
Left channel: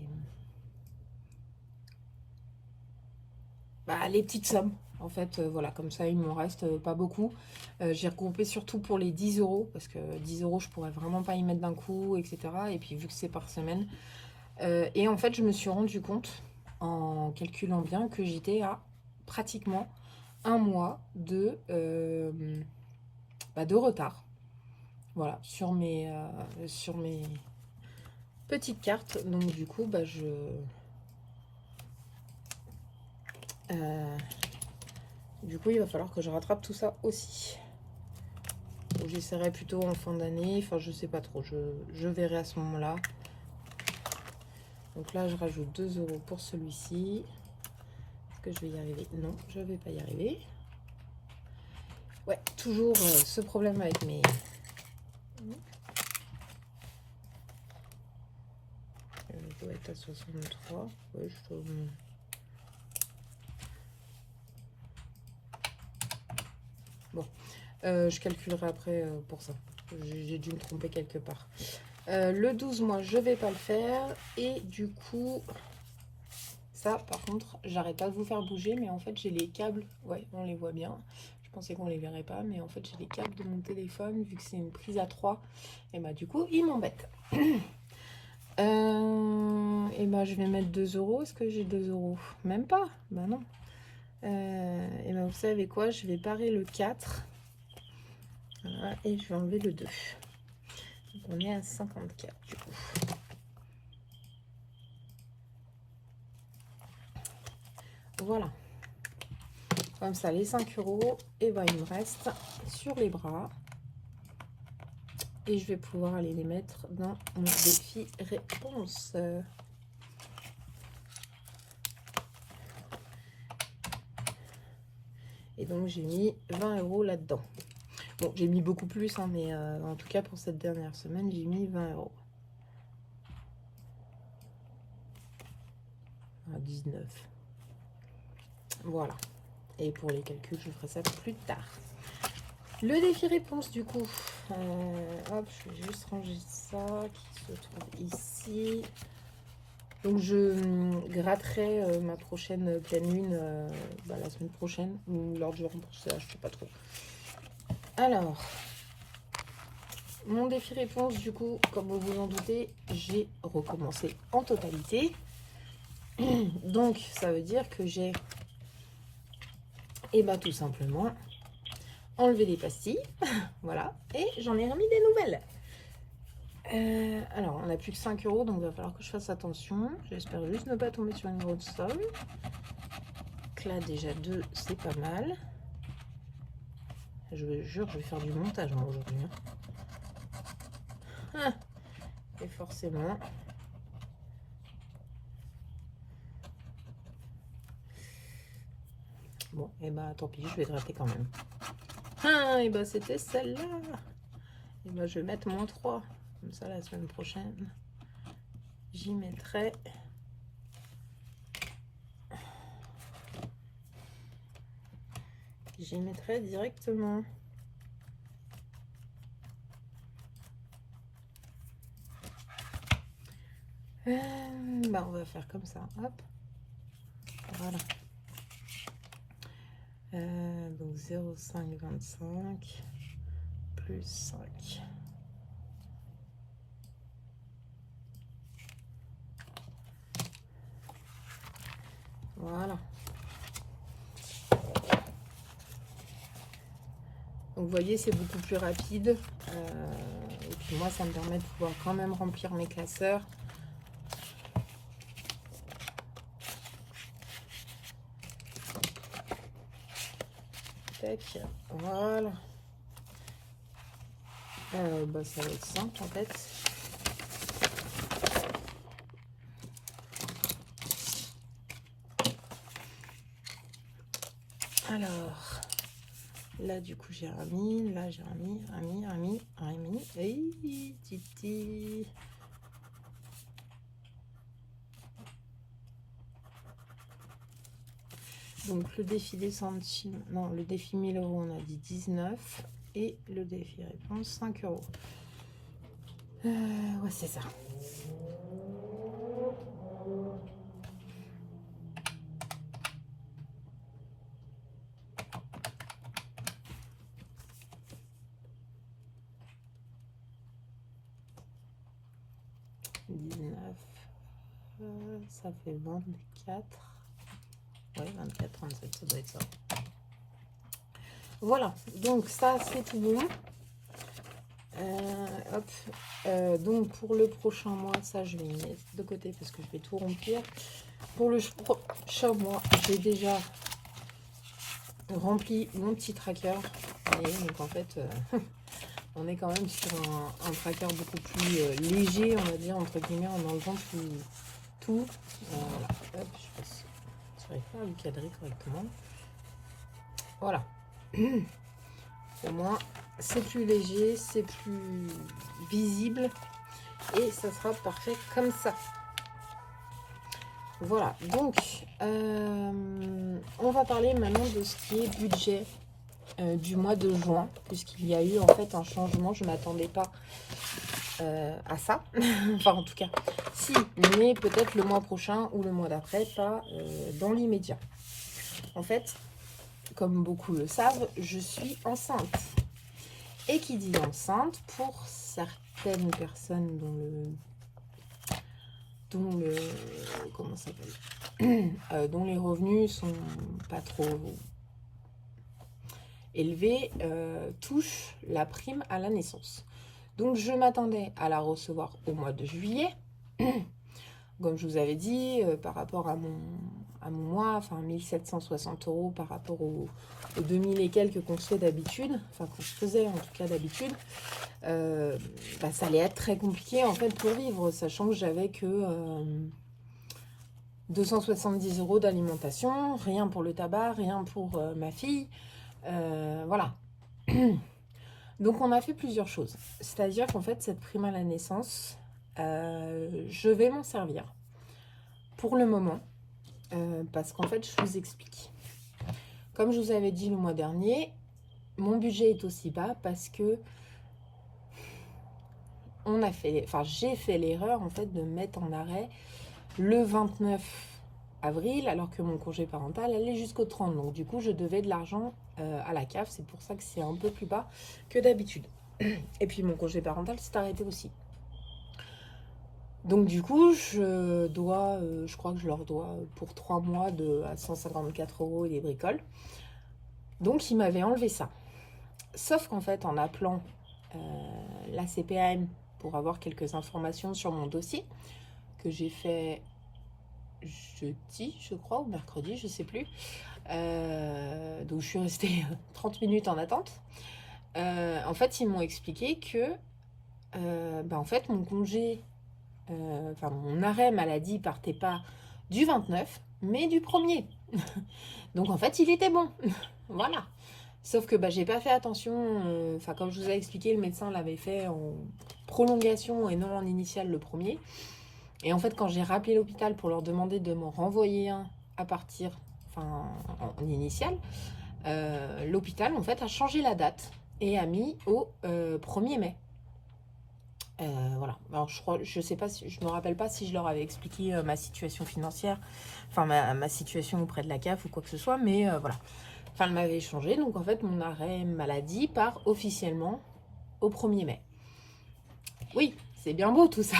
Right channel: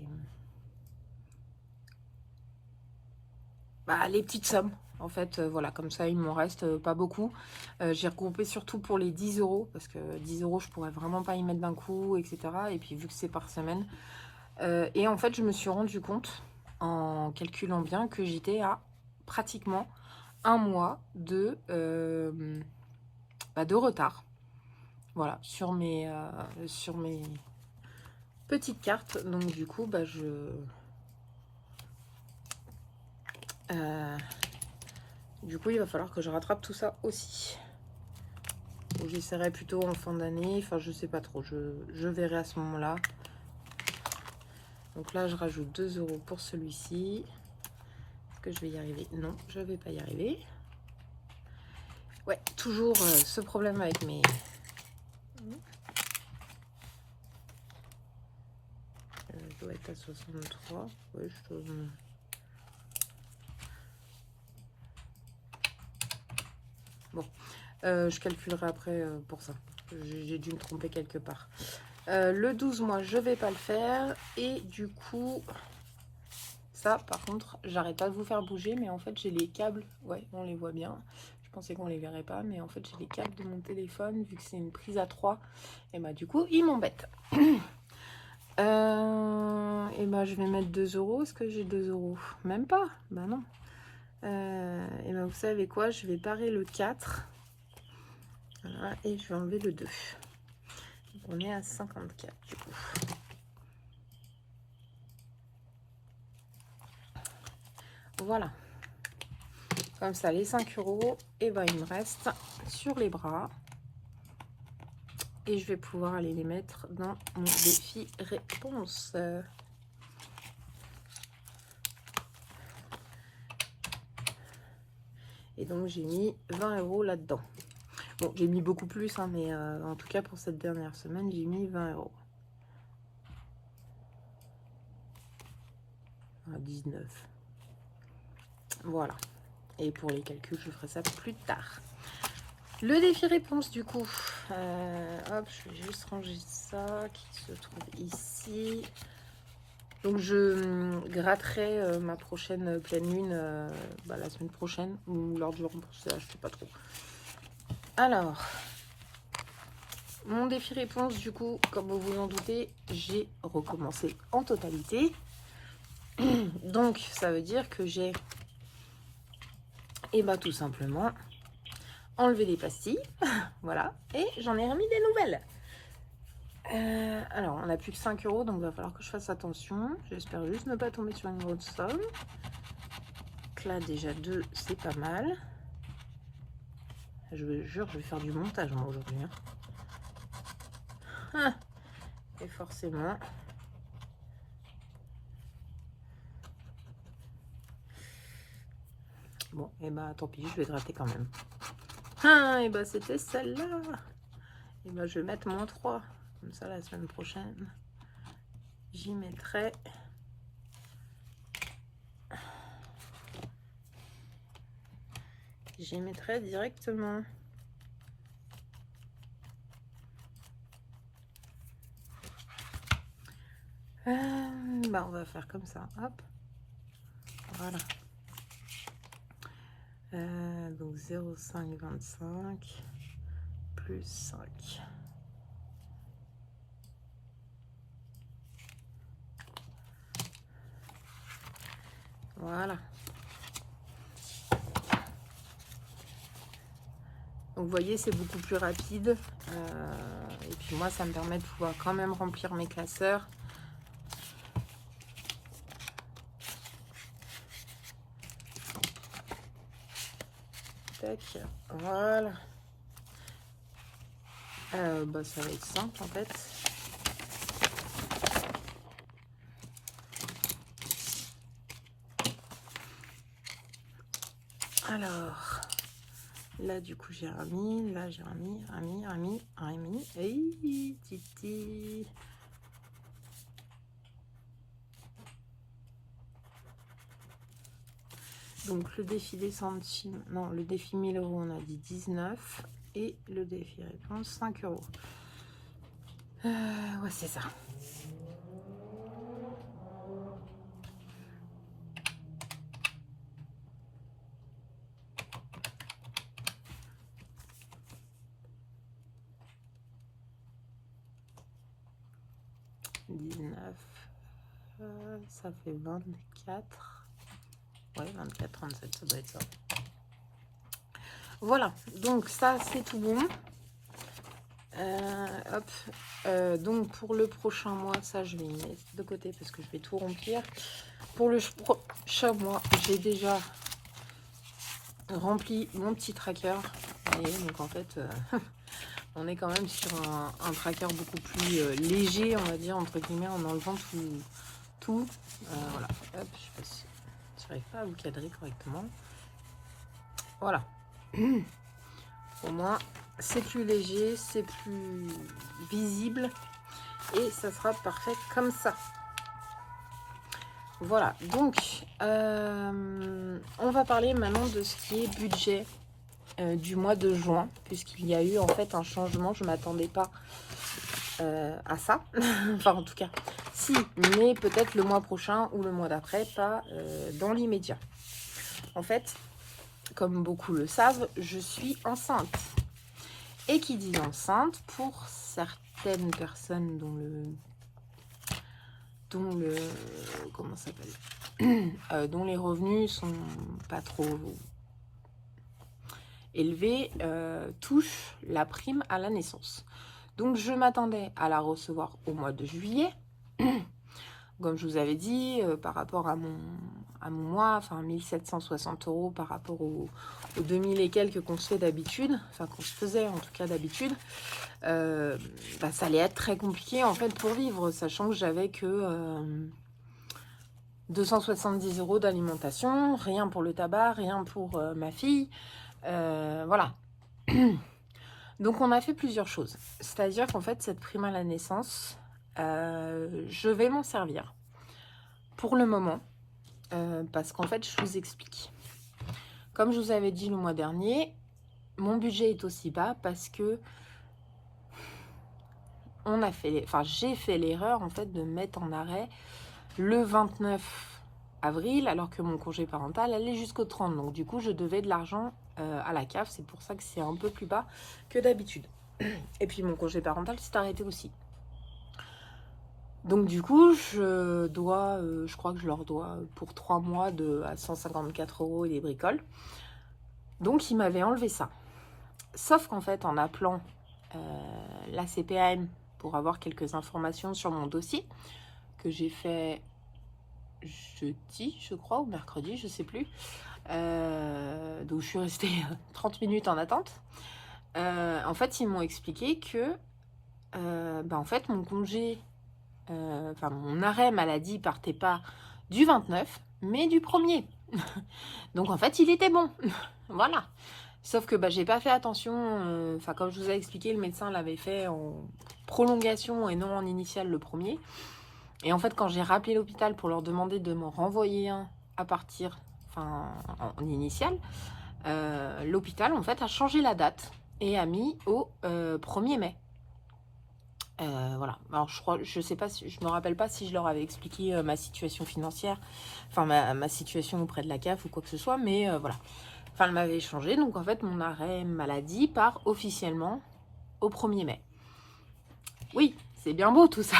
Les petites sommes. En fait, voilà, comme ça, il m'en reste pas beaucoup. J'ai regroupé surtout pour les 10 €, parce que 10 €, je pourrais vraiment pas y mettre d'un coup, etc. Et puis, vu que c'est par semaine. Et en fait, je me suis rendu compte, en calculant bien, que j'étais à pratiquement un mois de retard. Voilà, sur mes petites cartes. Donc, du coup, du coup, il va falloir que je rattrape tout ça aussi. Donc, j'essaierai plutôt en fin d'année. Enfin, je sais pas trop. Je verrai à ce moment-là. Donc là, je rajoute 2 € pour celui-ci. Est-ce que je vais y arriver? Non, je vais pas y arriver. Ouais, toujours ce problème avec mes... je dois être à 63. Ouais, bon, je calculerai après pour ça. J'ai dû me tromper quelque part. Le 12 mois, je vais pas le faire. Et du coup, ça, par contre, j'arrête pas de vous faire bouger. Mais en fait, j'ai les câbles. Ouais, on les voit bien. Je pensais qu'on les verrait pas. Mais en fait, j'ai les câbles de mon téléphone. Vu que c'est une prise à 3. Et bah, du coup, ils m'embêtent. Et bah, je vais mettre 2 €. Est-ce que j'ai 2 €? Même pas. Bah non. Et ben vous savez quoi, je vais parer le 4. Voilà, et je vais enlever le 2. Donc on est à 54 du coup. Voilà. Comme ça, les 5 €, et ben il me reste sur les bras. Et je vais pouvoir aller les mettre dans mon défi réponse. Et donc j'ai mis 20 € là-dedans. Bon, j'ai mis beaucoup plus, hein, mais en tout cas pour cette dernière semaine, j'ai mis 20 €. à 19. Voilà. Et pour les calculs, je ferai ça plus tard. Le défi réponse, du coup. Hop, je vais juste ranger ça qui se trouve ici. Donc, je gratterai ma prochaine pleine lune la semaine prochaine ou lors du remplissage, je sais pas trop. Alors, mon défi réponse, du coup, comme vous vous en doutez, j'ai recommencé en totalité. Donc, ça veut dire que j'ai, tout simplement, enlevé les pastilles. Voilà. Et j'en ai remis des nouvelles. Alors, on n'a plus que 5 €, donc il va falloir que je fasse attention. J'espère juste ne pas tomber sur une grosse somme. Donc là, déjà 2, c'est pas mal. Je vous jure, je vais faire du montage aujourd'hui. Et forcément... Bon, et tant pis, je vais gratter quand même. Et c'était celle-là. Et je vais mettre mon 3. Comme ça, la semaine prochaine, j'y mettrai... directement. On va faire comme ça. Hop. Voilà. Donc 0,525 plus 5. Voilà. Donc vous voyez, c'est beaucoup plus rapide. Et puis moi, ça me permet de pouvoir quand même remplir mes classeurs. Tac, voilà. Ça va être simple en fait. Alors, là du coup j'ai remis, là j'ai remis, et titi. Donc le défi des centimes, non, le défi 1000 €, on a dit 19 et le défi réponse 5 €. Ouais, c'est ça. Ça fait 24. Ouais, 24, 37, ça doit être ça. Voilà, donc ça c'est tout bon. Donc pour le prochain mois, ça je vais mettre de côté parce que je vais tout remplir. Pour le prochain mois, j'ai déjà rempli mon petit tracker. Et donc en fait, on est quand même sur un tracker beaucoup plus léger, on va dire, entre guillemets, en enlevant tout. Voilà, hop, je n'arrive pas à vous cadrer correctement. Voilà. Au moins, c'est plus léger, c'est plus visible et ça sera parfait comme ça. Voilà, donc on va parler maintenant de ce qui est budget du mois de juin, puisqu'il y a eu en fait un changement. Je ne m'attendais pas à ça. Enfin, en tout cas, si, mais peut-être le mois prochain ou le mois d'après, pas dans l'immédiat. En fait, comme beaucoup le savent, je suis enceinte. Et qui dit enceinte, pour certaines personnes comment ça s'appelle, dont les revenus sont pas trop élevés, touchent la prime à la naissance. Donc je m'attendais à la recevoir au mois de juillet. Comme je vous avais dit, par rapport à mon mois, enfin 1760 € par rapport aux 2000 et quelques qu'on se fait d'habitude, enfin qu'on se faisait en tout cas d'habitude, ça allait être très compliqué en fait pour vivre, sachant que j'avais que 270 € d'alimentation, rien pour le tabac, rien pour ma fille, voilà. Donc on a fait plusieurs choses, c'est-à-dire qu'en fait cette prime à la naissance, je vais m'en servir pour le moment parce qu'en fait, je vous explique. Comme je vous avais dit le mois dernier, mon budget est aussi bas parce que j'ai fait l'erreur en fait de mettre en arrêt le 29 avril, alors que mon congé parental allait jusqu'au 30. Donc du coup, je devais de l'argent à la CAF. C'est pour ça que c'est un peu plus bas que d'habitude. Et puis mon congé parental s'est arrêté aussi. Donc du coup, je crois que je leur dois pour 3 mois à 154 € et des bricoles. Donc ils m'avaient enlevé ça. Sauf qu'en fait, en appelant la CPAM pour avoir quelques informations sur mon dossier, que j'ai fait jeudi, je crois, ou mercredi, je sais plus. Donc je suis restée 30 minutes en attente. En fait, ils m'ont expliqué que en fait, mon congé, mon arrêt maladie partait pas du 29, mais du 1er. Donc en fait, il était bon. Voilà. Sauf que j'ai pas fait attention. Comme je vous ai expliqué, le médecin l'avait fait en prolongation et non en initial le 1er. Et en fait, quand j'ai rappelé l'hôpital pour leur demander de me renvoyer un à partir, en initial, l'hôpital en fait a changé la date et a mis au 1er mai. Voilà. Alors je sais pas, je me rappelle pas si je leur avais expliqué ma situation financière, ma situation auprès de la CAF ou quoi que ce soit, mais voilà. Elle m'avait changé, donc en fait mon arrêt maladie part officiellement au 1er mai. Oui, c'est bien beau tout ça.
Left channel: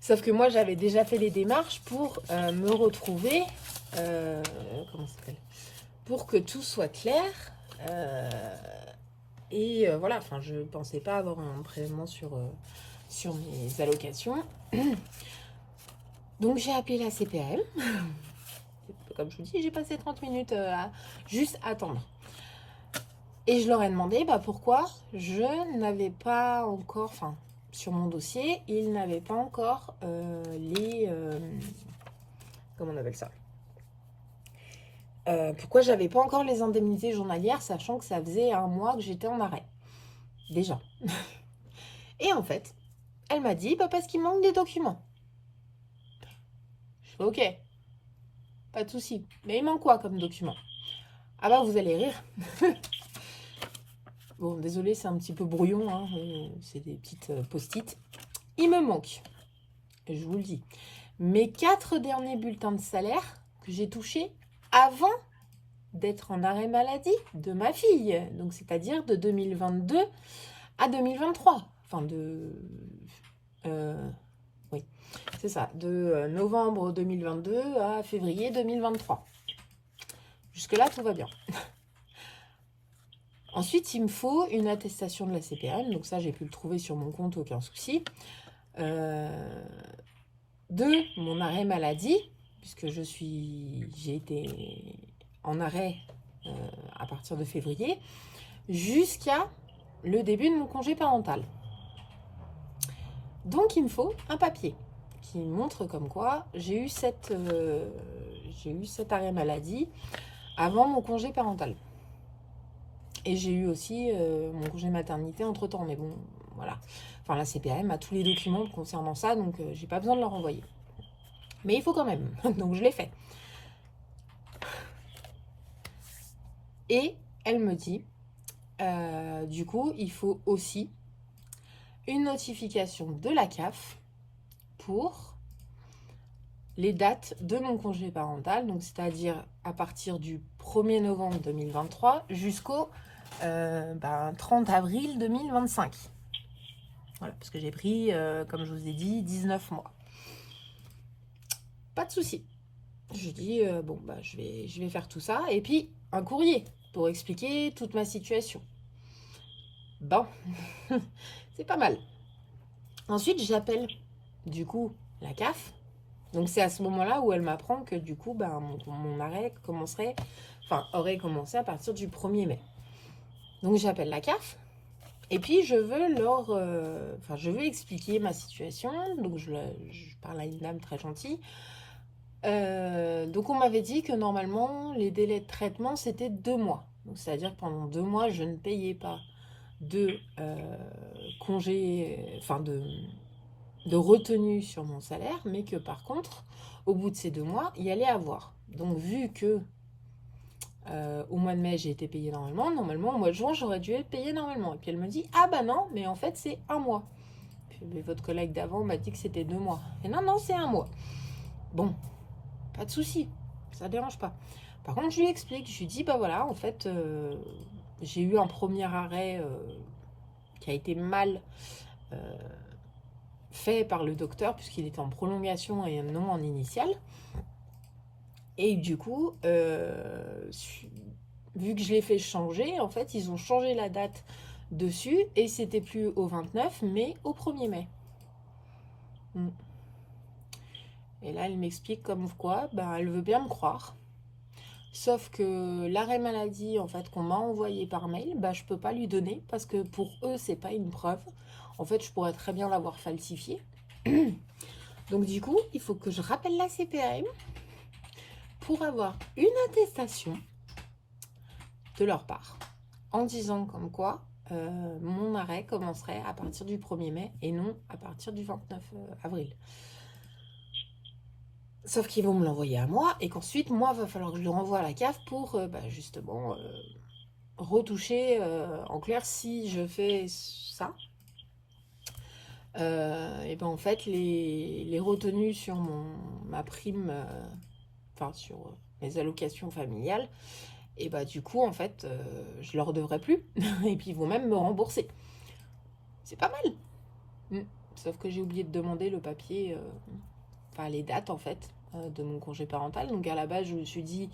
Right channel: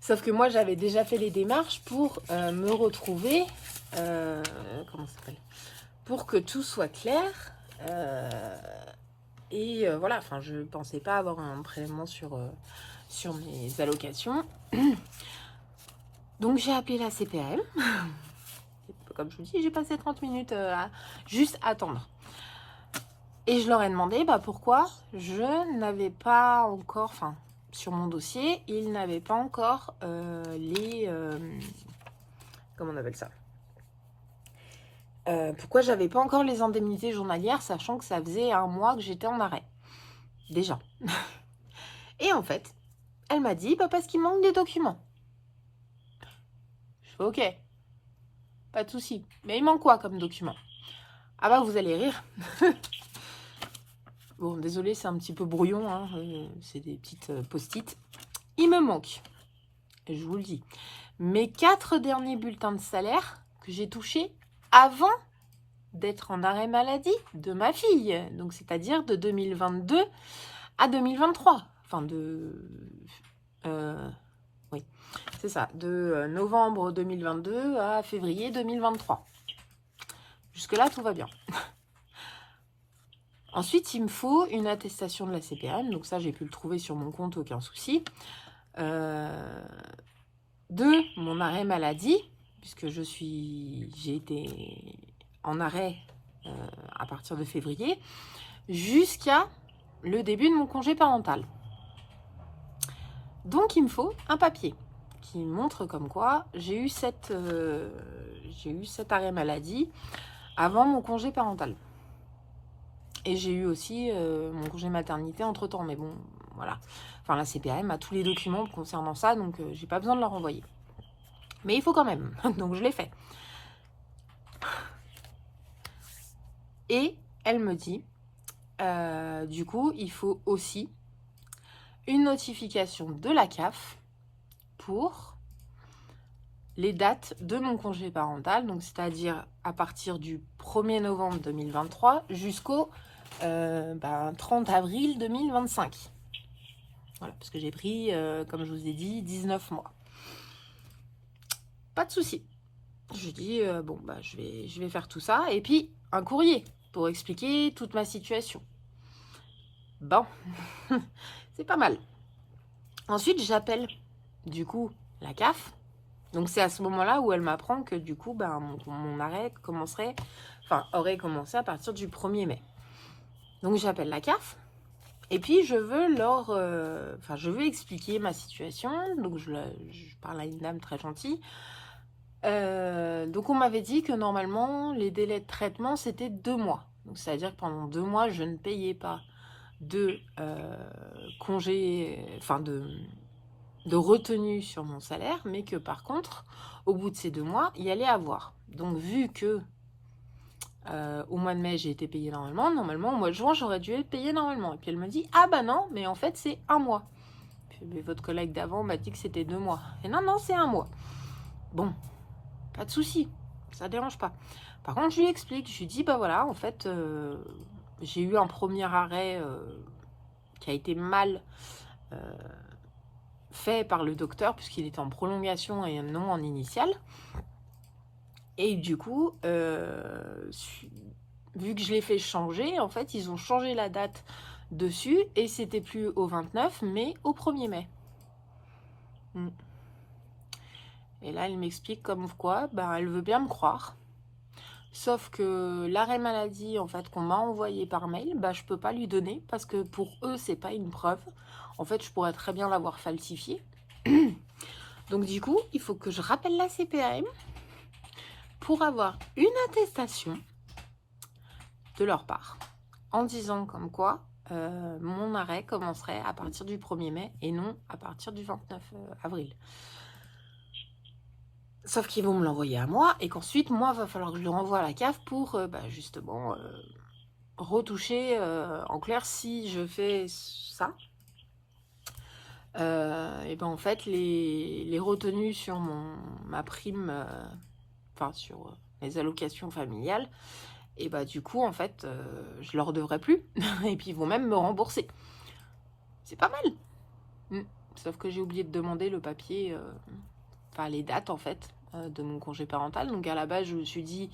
Sauf que moi j'avais déjà fait les démarches pour me retrouver, comment ça s'appelle, pour que tout soit clair. Voilà, je pensais pas avoir un prélèvement sur mes allocations. Donc j'ai appelé la CPAM. Comme je vous dis, j'ai passé 30 minutes à juste attendre. Et je leur ai demandé pourquoi je n'avais pas encore, sur mon dossier, ils n'avaient pas encore comment on appelle ça, pourquoi j'avais pas encore les indemnités journalières, sachant que ça faisait 1 mois que j'étais en arrêt. Déjà. Et en fait, elle m'a dit, parce qu'il manque des documents. Je fais ok, pas de souci. Mais il manque quoi comme document? Ah vous allez rire. Bon, désolé, c'est un petit peu brouillon, hein. C'est des petites post-it. Il me manque, je vous le dis, mes 4 derniers bulletins de salaire que j'ai touchés avant d'être en arrêt maladie de ma fille. Donc, c'est-à-dire de 2022 à 2023. Oui, c'est ça, de novembre 2022 à février 2023. Jusque-là, tout va bien. Ensuite, il me faut une attestation de la CPAM. Donc ça, j'ai pu le trouver sur mon compte, aucun souci. De mon arrêt maladie, puisque j'ai été en arrêt à partir de février, jusqu'à le début de mon congé parental. Donc, il me faut un papier qui montre comme quoi j'ai eu cet arrêt maladie avant mon congé parental. Et j'ai eu aussi mon congé maternité entre-temps. Mais bon, voilà. La CPAM a tous les documents concernant ça, donc j'ai pas besoin de leur envoyer. Mais il faut quand même. Donc je l'ai fait. Et elle me dit, du coup, il faut aussi une notification de la CAF pour les dates de mon congé parental, donc c'est-à-dire à partir du 1er novembre 2023 jusqu'au 30 avril 2025. Voilà, parce que j'ai pris, comme je vous ai dit, 19 mois. Pas de souci. Je dis, je vais faire tout ça. Et puis, un courrier pour expliquer toute ma situation. Bon, c'est pas mal. Ensuite, j'appelle, du coup, la CAF. Donc, c'est à ce moment-là où elle m'apprend que, du coup, mon arrêt aurait commencé à partir du 1er mai. Donc, j'appelle la CAF. Et puis, je veux expliquer ma situation. Donc, je parle à une dame très gentille. Donc, on m'avait dit que normalement, les délais de traitement, c'était 2 mois. Donc, c'est-à-dire que pendant 2 mois, je ne payais pas de congé, de retenue sur mon salaire, mais que par contre, au bout de ces 2 mois, il y allait avoir. Donc, vu que au mois de mai, j'ai été payée normalement, au mois de juin, j'aurais dû être payée normalement. Et puis elle me dit, ah bah non, mais en fait, c'est 1 mois. Puis, mais votre collègue d'avant m'a dit que c'était 2 mois. Et non, non, c'est 1 mois. Bon, pas de souci, ça dérange pas. Par contre, je lui explique, je lui dis, bah voilà, en fait, j'ai eu un premier arrêt qui a été mal fait par le docteur, puisqu'il était en prolongation et non en initial. Et du coup, vu que je l'ai fait changer, en fait, ils ont changé la date dessus, et c'était plus au 29, mais au 1er mai. Et là, elle m'explique comme quoi, ben, elle veut bien me croire. Sauf que l'arrêt maladie, en fait, qu'on m'a envoyé par mail, bah, je peux pas lui donner parce que pour eux, c'est pas une preuve. En fait, je pourrais très bien l'avoir falsifié. Donc, du coup, il faut que je rappelle la CPAM pour avoir une attestation de leur part en disant comme quoi mon arrêt commencerait à partir du 1er mai et non à partir du 29 avril. Sauf qu'ils vont me l'envoyer à moi et qu'ensuite, moi, il va falloir que je le renvoie à la CAF pour justement retoucher. En clair, si je fais ça, et ben en fait, les retenues sur ma prime, enfin sur les allocations familiales, et bah du coup, en fait, je leur devrai plus. Et puis, ils vont même me rembourser. C'est pas mal. Sauf que j'ai oublié de demander le papier, enfin les dates en fait, de mon congé parental. Donc à la base, je me suis dit,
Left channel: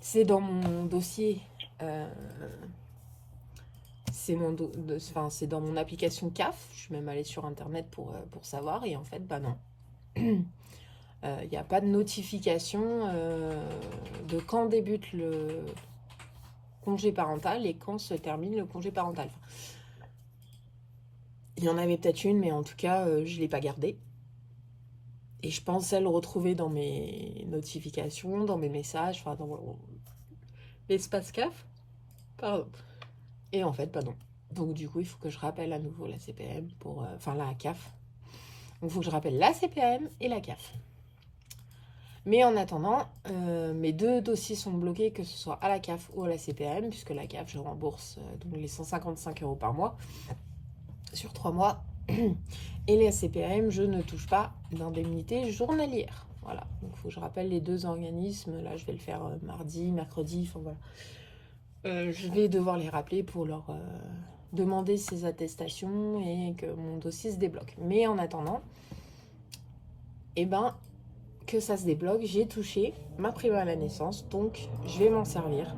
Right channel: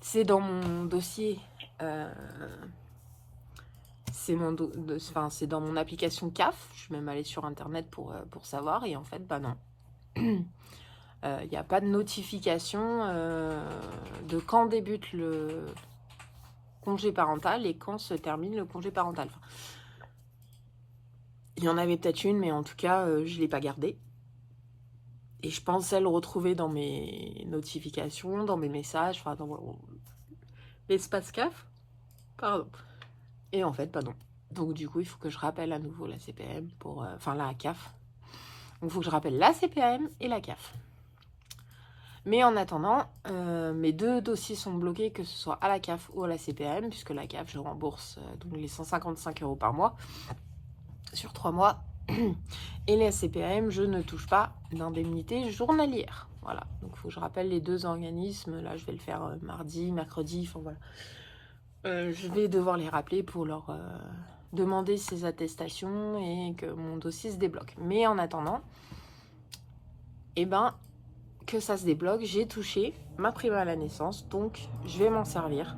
c'est dans mon dossier, c'est dans mon application CAF. Je suis même allée sur internet pour savoir, et en fait, bah non. Il n'y a pas de notification de quand débute le congé parental et quand se termine le congé parental. Enfin, il y en avait peut-être une, mais en tout cas, je ne l'ai pas gardée. Et je pensais le retrouver dans mes notifications, dans mes messages, enfin dans l'espace CAF. Pardon. Et en fait, pas non. Donc du coup, il faut que je rappelle à nouveau la CPAM pour... enfin, la CAF. Donc il faut que je rappelle la CPAM et la CAF. Mais en attendant, mes 2 dossiers sont bloqués, que ce soit à la CAF ou à la CPAM, puisque la CAF, je rembourse donc les 155 € par mois sur 3 mois. Et les CPAM, je ne touche pas d'indemnité journalière. Voilà, donc il faut que je rappelle les 2 organismes. Là, je vais le faire mardi, mercredi, enfin voilà. Je vais devoir les rappeler pour leur demander ces attestations et que mon dossier se débloque. Mais en attendant, eh ben, que ça se débloque, j'ai touché ma prime à la naissance, donc je vais m'en servir.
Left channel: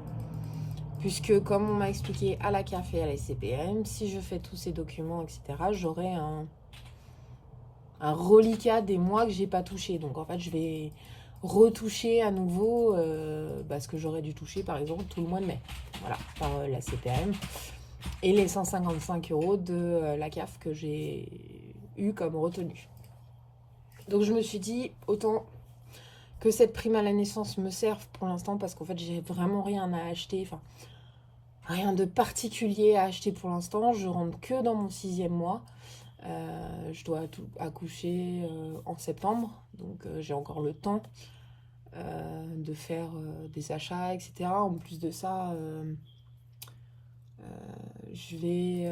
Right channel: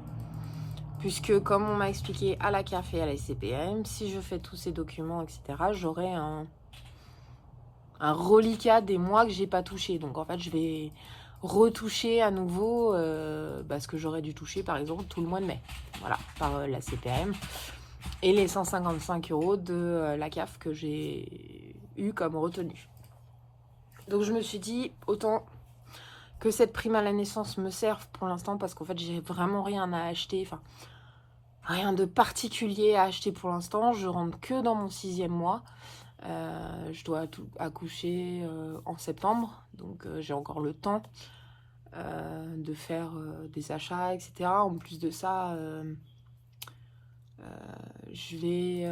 Puisque, comme on m'a expliqué à la CAF et à la CPM, si je fais tous ces documents, etc., j'aurai un reliquat des mois que j'ai pas touché. Donc, en fait, je vais retoucher à nouveau ce que j'aurais dû toucher, par exemple, tout le mois de mai. Voilà, par la CPM. Et les 155 € de la CAF que j'ai eu comme retenue. Donc, je me suis dit, autant que cette prime à la naissance me serve pour l'instant, parce qu'en fait, j'ai vraiment rien à acheter. Enfin, rien de particulier à acheter pour l'instant. Je rentre que dans mon 6e mois. Je dois accoucher en septembre. Donc, j'ai encore le temps de faire des achats, etc. En plus de ça, je vais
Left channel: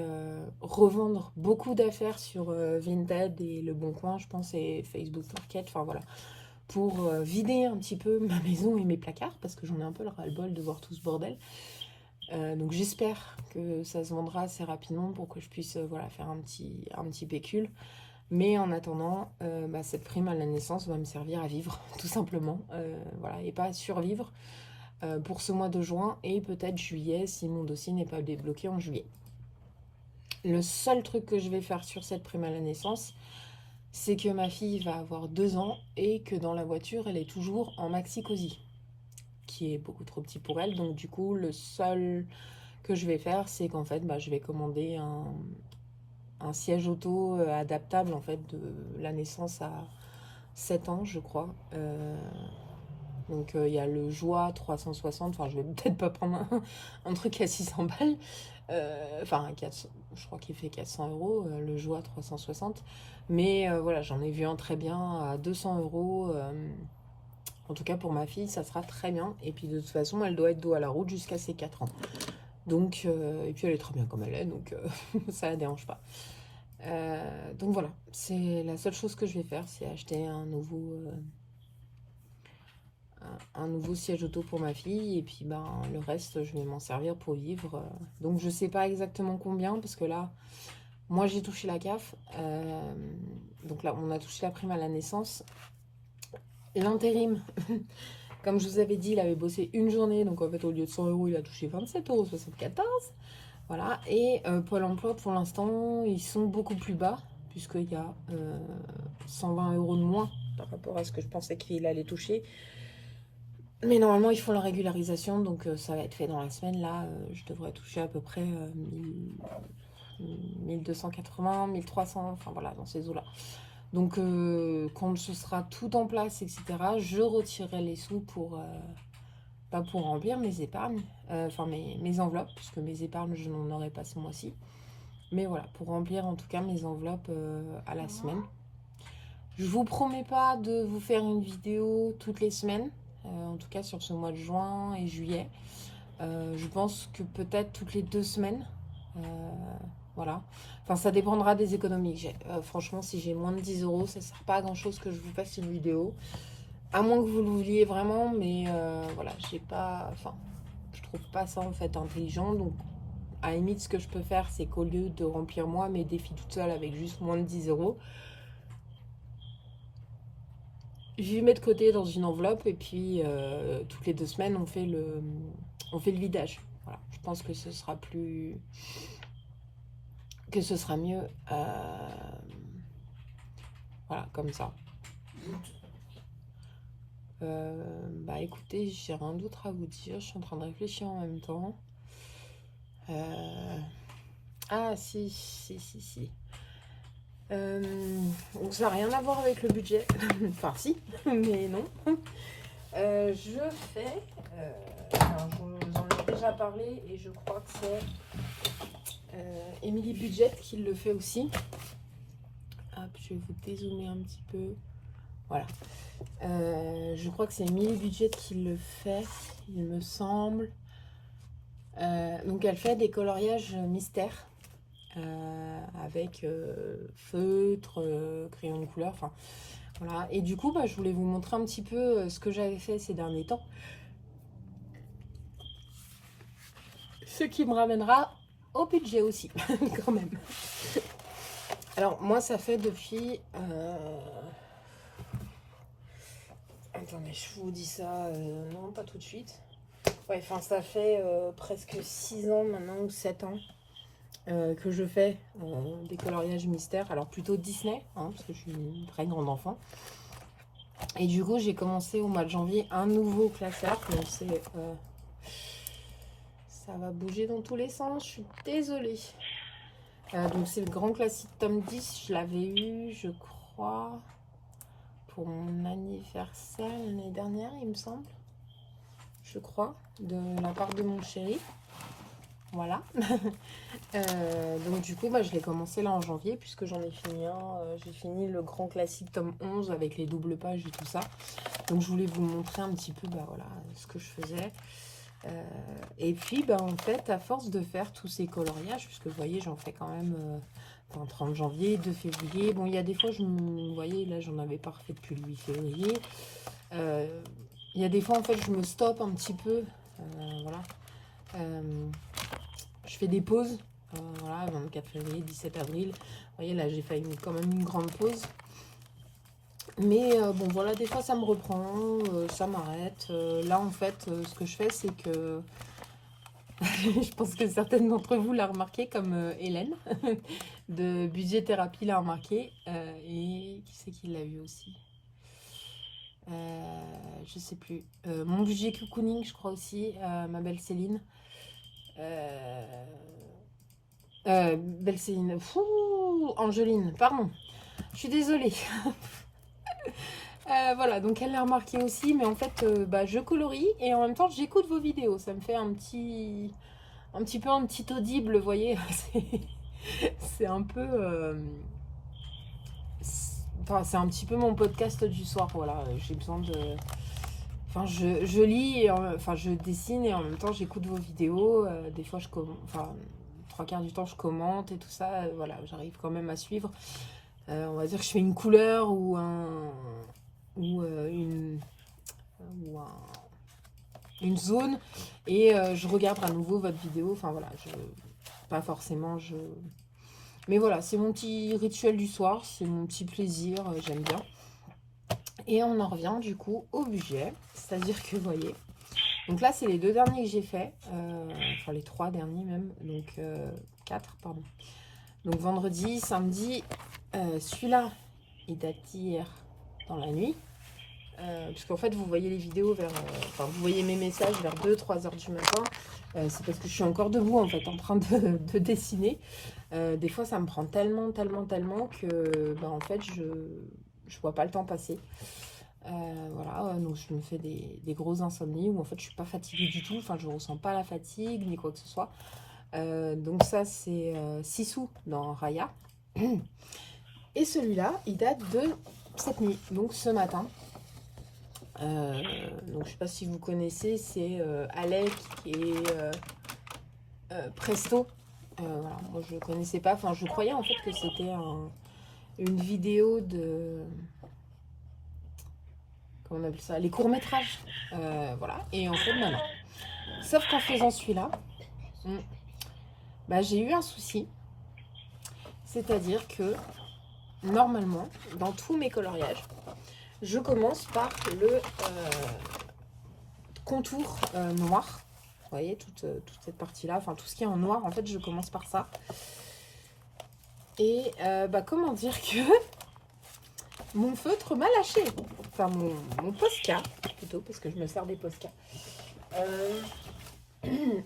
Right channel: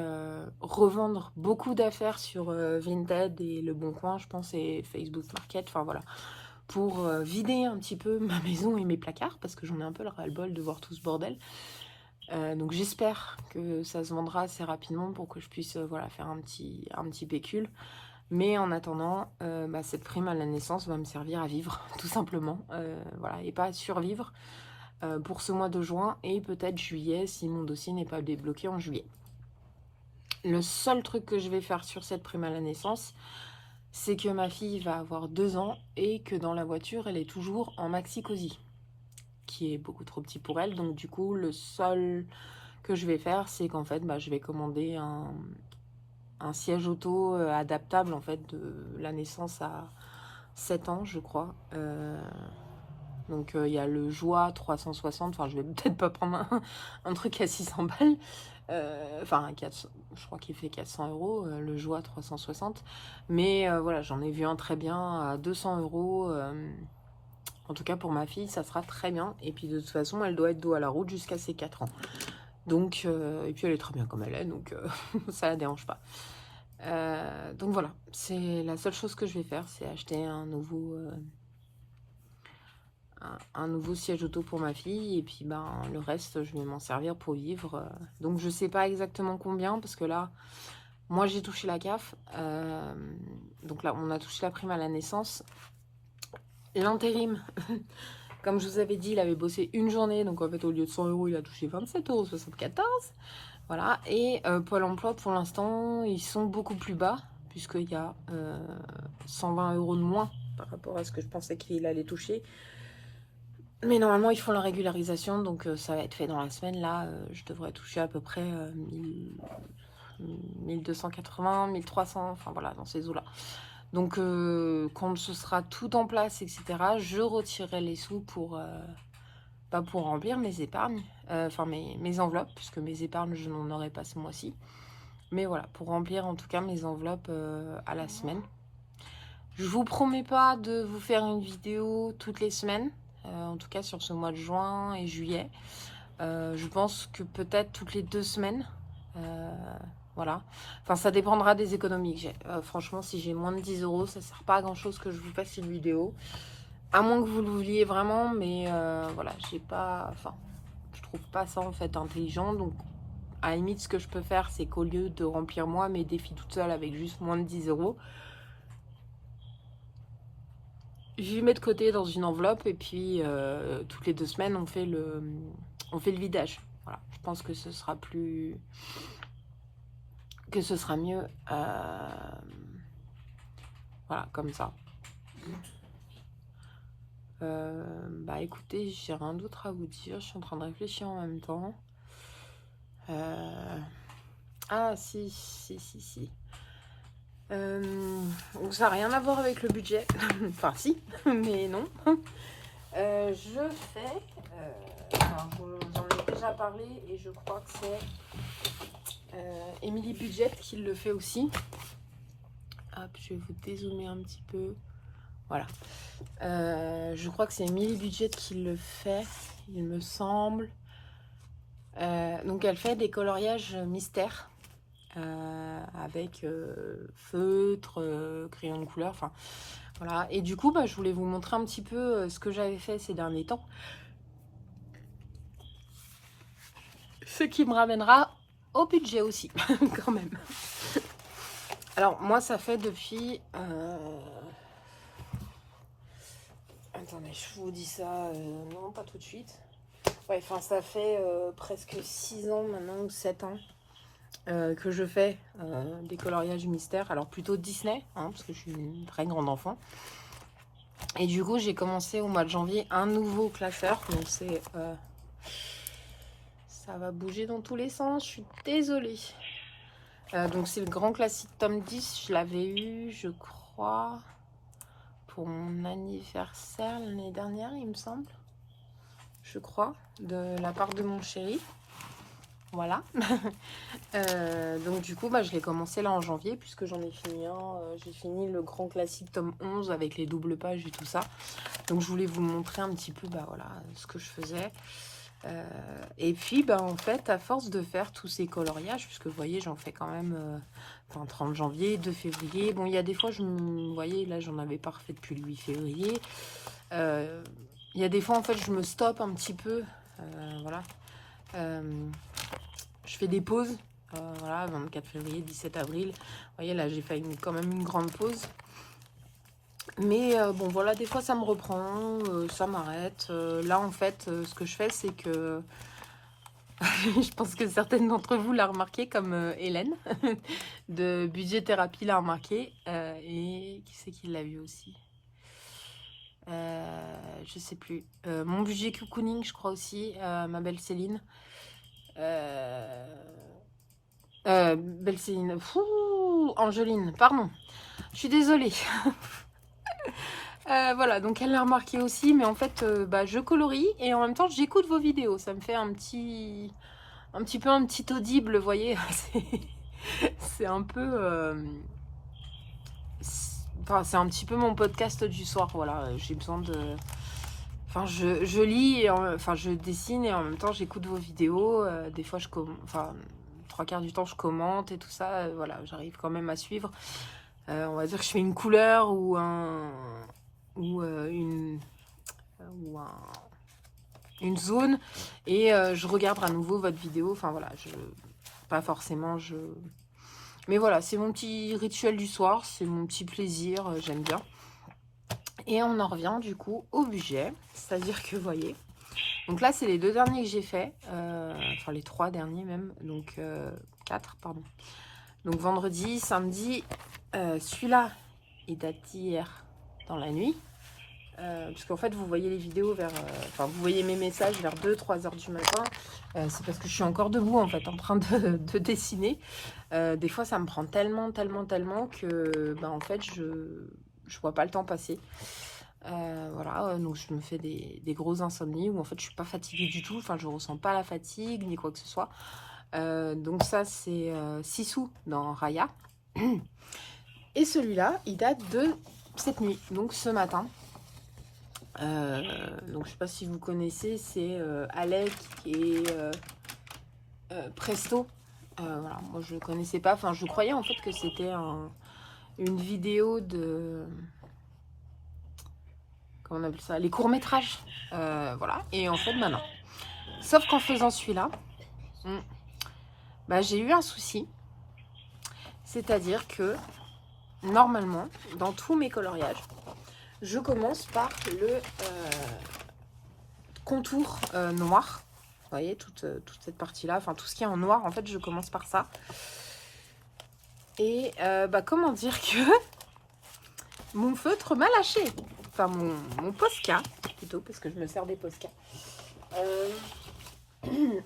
revendre beaucoup d'affaires sur Vinted et Le Bon Coin, je pense, et Facebook Market. Enfin, voilà. Pour vider un petit peu ma maison et mes placards, parce que j'en ai un peu le ras-le-bol de voir tout ce bordel. Donc j'espère que ça se vendra assez rapidement pour que je puisse voilà, faire un petit pécule. Mais en attendant, cette prime à la naissance va me servir à vivre, tout simplement. Voilà, et pas à survivre pour ce mois de juin et peut-être juillet, si mon dossier n'est pas débloqué en juillet. Le seul truc que je vais faire sur cette prime à la naissance, c'est que ma fille va avoir 2 ans et que dans la voiture, elle est toujours en maxi-cosy, qui est beaucoup trop petit pour elle. Donc du coup, le seul que je vais faire, c'est qu'en fait, je vais commander un siège auto adaptable, en fait, de la naissance à 7 ans, je crois. Donc il y a le Joie 360, enfin je vais peut-être pas prendre un truc à 600 balles, Enfin, je crois qu'il fait 400 €, le Joie 360. Mais voilà, j'en ai vu un très bien à 200 €. En tout cas, pour ma fille, ça sera très bien. Et puis, de toute façon, elle doit être dos à la route jusqu'à ses 4 ans. Donc, et puis, elle est très bien comme elle est. Donc, ça la dérange pas. Donc, voilà. C'est la seule chose que je vais faire. C'est acheter un nouveau siège auto pour ma fille. Et puis, ben, le reste, je vais m'en servir pour vivre. Donc, je sais pas exactement combien. Parce que là, moi, j'ai touché la CAF. Donc là, on a touché la prime à la naissance. L'intérim, comme je vous avais dit, il avait bossé une journée, donc en fait au lieu de 100 €, il a touché 27,74 €. Voilà, et Pôle emploi pour l'instant, ils sont beaucoup plus bas, puisqu'il y a 120 € de moins par rapport à ce que je pensais qu'il allait toucher. Mais normalement, ils font la régularisation, donc ça va être fait dans la semaine. Là, je devrais toucher à peu près 1280, 1300, enfin voilà, dans ces eaux-là. Donc, quand ce sera tout en place, etc., je retirerai les sous pour remplir mes épargnes, enfin mes enveloppes, puisque mes épargnes, je n'en aurai pas ce mois-ci. Mais voilà, pour remplir en tout cas mes enveloppes à la semaine. Je vous promets pas de vous faire une vidéo toutes les semaines, en tout cas sur ce mois de juin et juillet. Je pense que peut-être toutes les 2 semaines. Voilà, enfin ça dépendra des économies que j'ai. Franchement, si j'ai moins de 10 €, ça ne sert pas à grand chose que je vous fasse une vidéo, à moins que vous le vouliez vraiment. Mais voilà, j'ai pas, enfin je trouve pas ça en fait intelligent. Donc à la limite, ce que je peux faire, c'est qu'au lieu de remplir moi mes défis toute seule avec juste moins de 10 €, je les mets de côté dans une enveloppe. Et puis toutes les 2 semaines on fait le vidage. Voilà, je pense que ce sera plus... que ce sera mieux, voilà, comme ça. Bah écoutez, j'ai rien d'autre à vous dire. Je suis en train de réfléchir en même temps. Ah si. Donc ça n'a rien à voir avec le budget. Enfin si, mais non. Je fais... alors, je vous en ai déjà parlé et je crois que c'est Émilie Budget qui le fait aussi. Hop, je vais vous dézoomer un petit peu. Voilà. Je crois que c'est Émilie Budget qui le fait, il me semble. Donc elle fait des coloriages mystères avec feutre, crayon de couleur, enfin voilà. Et du coup, bah, je voulais vous montrer un petit peu ce que j'avais fait ces derniers temps. Ce qui me ramènera au budget aussi, quand même. Alors moi, ça fait depuis... Attendez, je vous dis ça, non, pas tout de suite. Ouais, enfin, ça fait presque 6 ans maintenant, ou 7 ans, que je fais des coloriages mystères. Alors, plutôt Disney, hein, parce que je suis une très grande enfant. Et du coup, j'ai commencé au mois de janvier un nouveau classeur. Donc, c'est... ça va bouger dans tous les sens, je suis désolée. Donc, c'est le grand classique tome 10. Je l'avais eu, je crois... pour mon anniversaire l'année dernière, il me semble, je crois, de la part de mon chéri. Voilà. Donc du coup, bah, je l'ai commencé là en janvier, puisque j'en ai fini un. J'ai fini le grand classique tome 11 avec les doubles pages et tout ça. Donc je voulais vous montrer un petit peu, bah, voilà, ce que je faisais. Et puis, bah, en fait, à force de faire tous ces coloriages, puisque vous voyez, j'en fais quand même... 30 janvier, 2 février. Bon, il y a des fois, vous voyez, là, j'en avais pas refait depuis le 8 février. Il y a des fois, en fait, je me stoppe un petit peu. Voilà. Je fais des pauses. Voilà, 24 février, 17 avril. Vous voyez, là, j'ai fait quand même une grande pause. Mais bon, voilà, des fois, ça me reprend. Ça m'arrête. Là, en fait, ce que je fais, c'est que... je pense que certaines d'entre vous l'ont remarqué, comme Hélène de Budget Thérapie l'a remarqué. Et qui c'est qui l'a vu aussi? Je sais plus. Mon budget cocooning, je crois aussi. Ma belle Céline. Belle Céline. Fou, Angeline, pardon. Je suis désolée. Voilà, donc elle l'a remarqué aussi. Mais en fait, bah, je colorie et en même temps, j'écoute vos vidéos. Ça me fait un petit un petit peu un petit audible, vous voyez. C'est un peu... Enfin, c'est un petit peu mon podcast du soir, voilà. J'ai besoin de... Enfin, je lis, et enfin, je dessine et en même temps, j'écoute vos vidéos. Des fois, enfin, 3/4 du temps, je commente et tout ça. Voilà, j'arrive quand même à suivre. On va dire que je fais une couleur ou une zone et je regarde à nouveau votre vidéo. Enfin, voilà, pas forcément, mais voilà, c'est mon petit rituel du soir. C'est mon petit plaisir, j'aime bien. Et on en revient du coup au budget, c'est-à-dire que vous voyez, donc là c'est les 2 derniers que j'ai fait, enfin les 3 derniers même, donc 4 pardon. Donc vendredi, samedi, celui-là il date d'hier dans la nuit, puisqu'en fait vous voyez les vidéos vers, enfin vous voyez mes messages vers 2-3 heures du matin, c'est parce que je suis encore debout en fait en train de dessiner. Des fois ça me prend tellement que en fait je vois pas le temps passer. Voilà, donc je me fais des grosses insomnies où en fait je suis pas fatiguée du tout, enfin je ressens pas la fatigue ni quoi que ce soit. Donc ça c'est Sissou dans Raya. Et celui-là il date de cette nuit, donc ce matin. Donc je sais pas si vous connaissez, c'est Alec et Presto. Voilà, moi je connaissais pas, enfin je croyais en fait que c'était une vidéo de... on appelle ça, les courts-métrages, voilà, et en fait maintenant, sauf qu'en faisant celui-là, j'ai eu un souci, c'est-à-dire que normalement dans tous mes coloriages je commence par le contour noir, vous voyez toute cette partie là, enfin tout ce qui est en noir en fait je commence par ça, et comment dire que mon feutre m'a lâché, enfin mon Posca plutôt, parce que je me sers des Posca,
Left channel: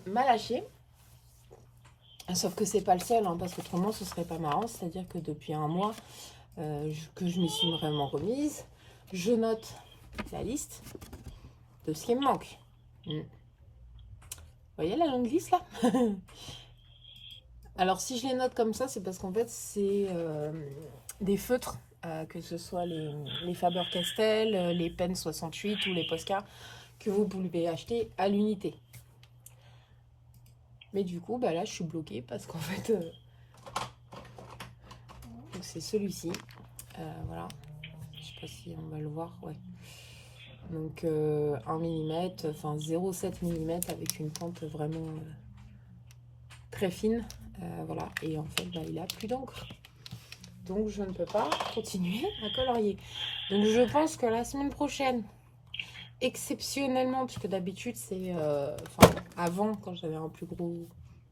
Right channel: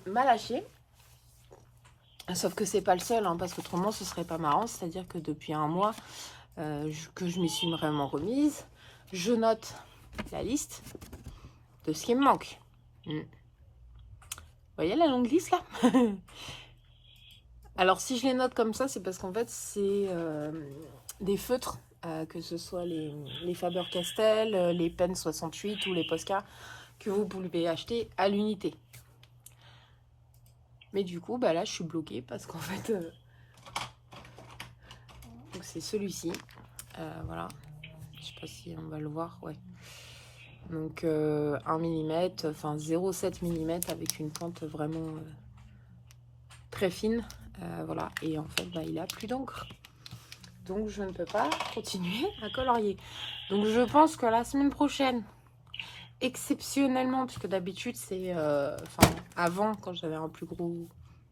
m'a lâché. Sauf que c'est pas le seul, hein, parce qu'autrement ce serait pas marrant. C'est-à-dire que depuis un mois que je m'y suis vraiment remise, je note la liste de ce qui me manque. Vous voyez la longue liste là? Alors si je les note comme ça, c'est parce qu'en fait c'est des feutres, que ce soit les Faber-Castell, les Pen 68 ou les Posca, que vous pouvez acheter à l'unité. Mais du coup, là, je suis bloquée parce qu'en fait, c'est celui-ci. Voilà. Je sais pas si on va le voir. Ouais. Donc, 1 mm, enfin 0,7 mm avec une pointe vraiment très fine. Voilà. Et en fait, il a plus d'encre. Donc, je ne peux pas continuer à colorier. Donc, je pense que la semaine prochaine, exceptionnellement, puisque d'habitude, c'est... avant, quand j'avais un plus gros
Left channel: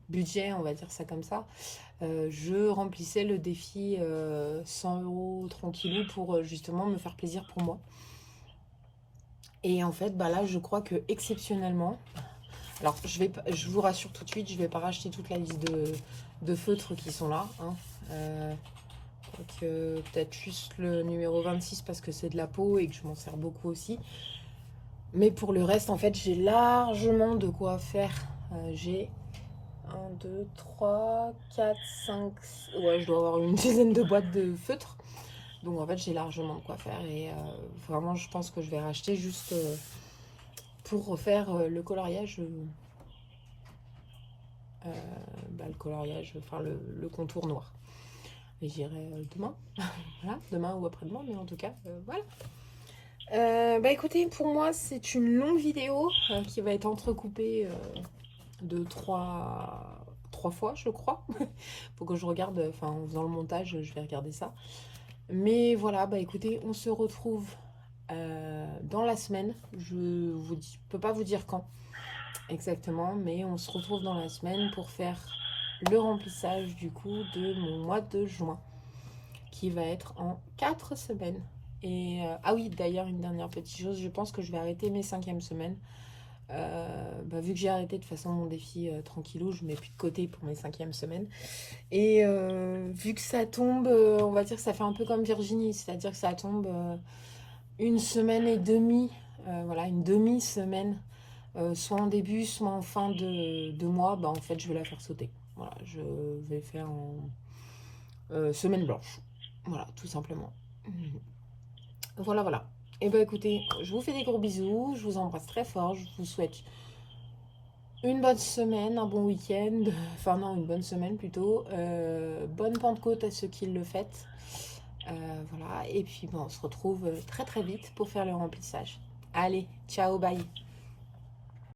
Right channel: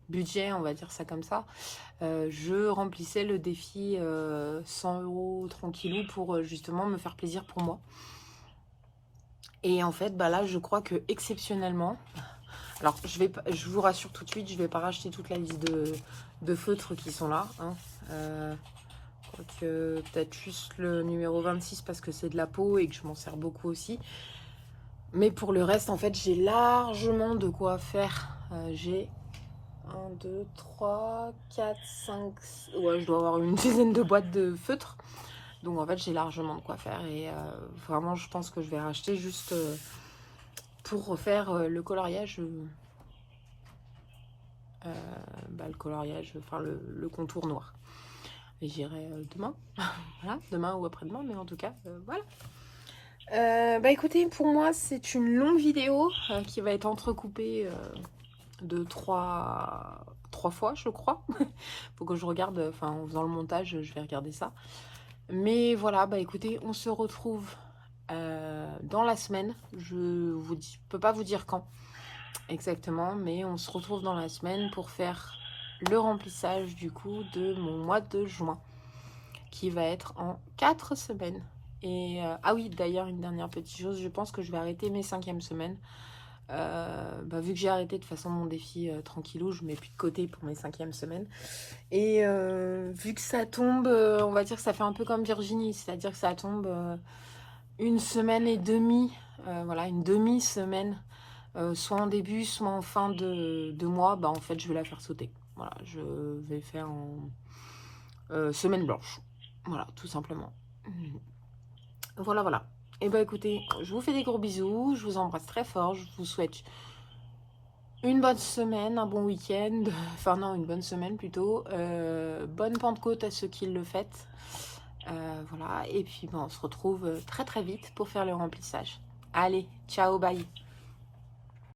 budget, on va dire ça comme ça, je remplissais le défi 100 € tranquillou pour justement me faire plaisir pour moi. Et en fait, là, je crois que exceptionnellement, alors je vous rassure tout de suite, je vais pas racheter toute la liste de feutres qui sont là, hein. Peut-être juste le numéro 26 parce que c'est de la peau et que je m'en sers beaucoup aussi. Mais pour le reste, en fait, j'ai largement de quoi faire. J'ai 1, 2, 3, 4, 5... Ouais, je dois avoir une dizaine de boîtes de feutres. Donc, en fait, j'ai largement de quoi faire. Et vraiment, je pense que je vais racheter juste pour refaire le coloriage. Le coloriage, enfin, le contour noir. Et j'irai demain. Voilà, demain ou après-demain. Mais en tout cas, voilà. Écoutez, pour moi, c'est une longue vidéo qui va être entrecoupée... de 3 fois, je crois. Faut que je regarde, enfin en faisant le montage, je vais regarder ça. Mais voilà, écoutez, on se retrouve dans la semaine. Je peux pas vous dire quand exactement, mais on se retrouve dans la semaine pour faire le remplissage du coup de mon mois de juin, qui va être en 4 semaines. Et ah oui, d'ailleurs, une dernière petite chose, je pense que je vais arrêter mes 5e semaines. Vu que j'ai arrêté de toute façon mon défi tranquillou, je mets plus de côté pour mes 5e semaines. Et vu que ça tombe, on va dire que ça fait un peu comme Virginie, c'est-à-dire que ça tombe 1 semaine et demie, voilà, une demi-semaine soit en début, soit en fin de mois, bah en fait je vais la faire sauter. Voilà, je vais faire en semaine blanche. Voilà, tout simplement. Voilà, voilà. Et bah écoutez, je vous fais des gros bisous, je vous embrasse très fort, je vous souhaite une bonne semaine, un bon week-end, enfin non, une bonne semaine plutôt. Bonne Pentecôte à ceux qui le fêtent. Voilà, et puis bon, on se retrouve très très vite pour faire le remplissage. Allez, ciao, bye.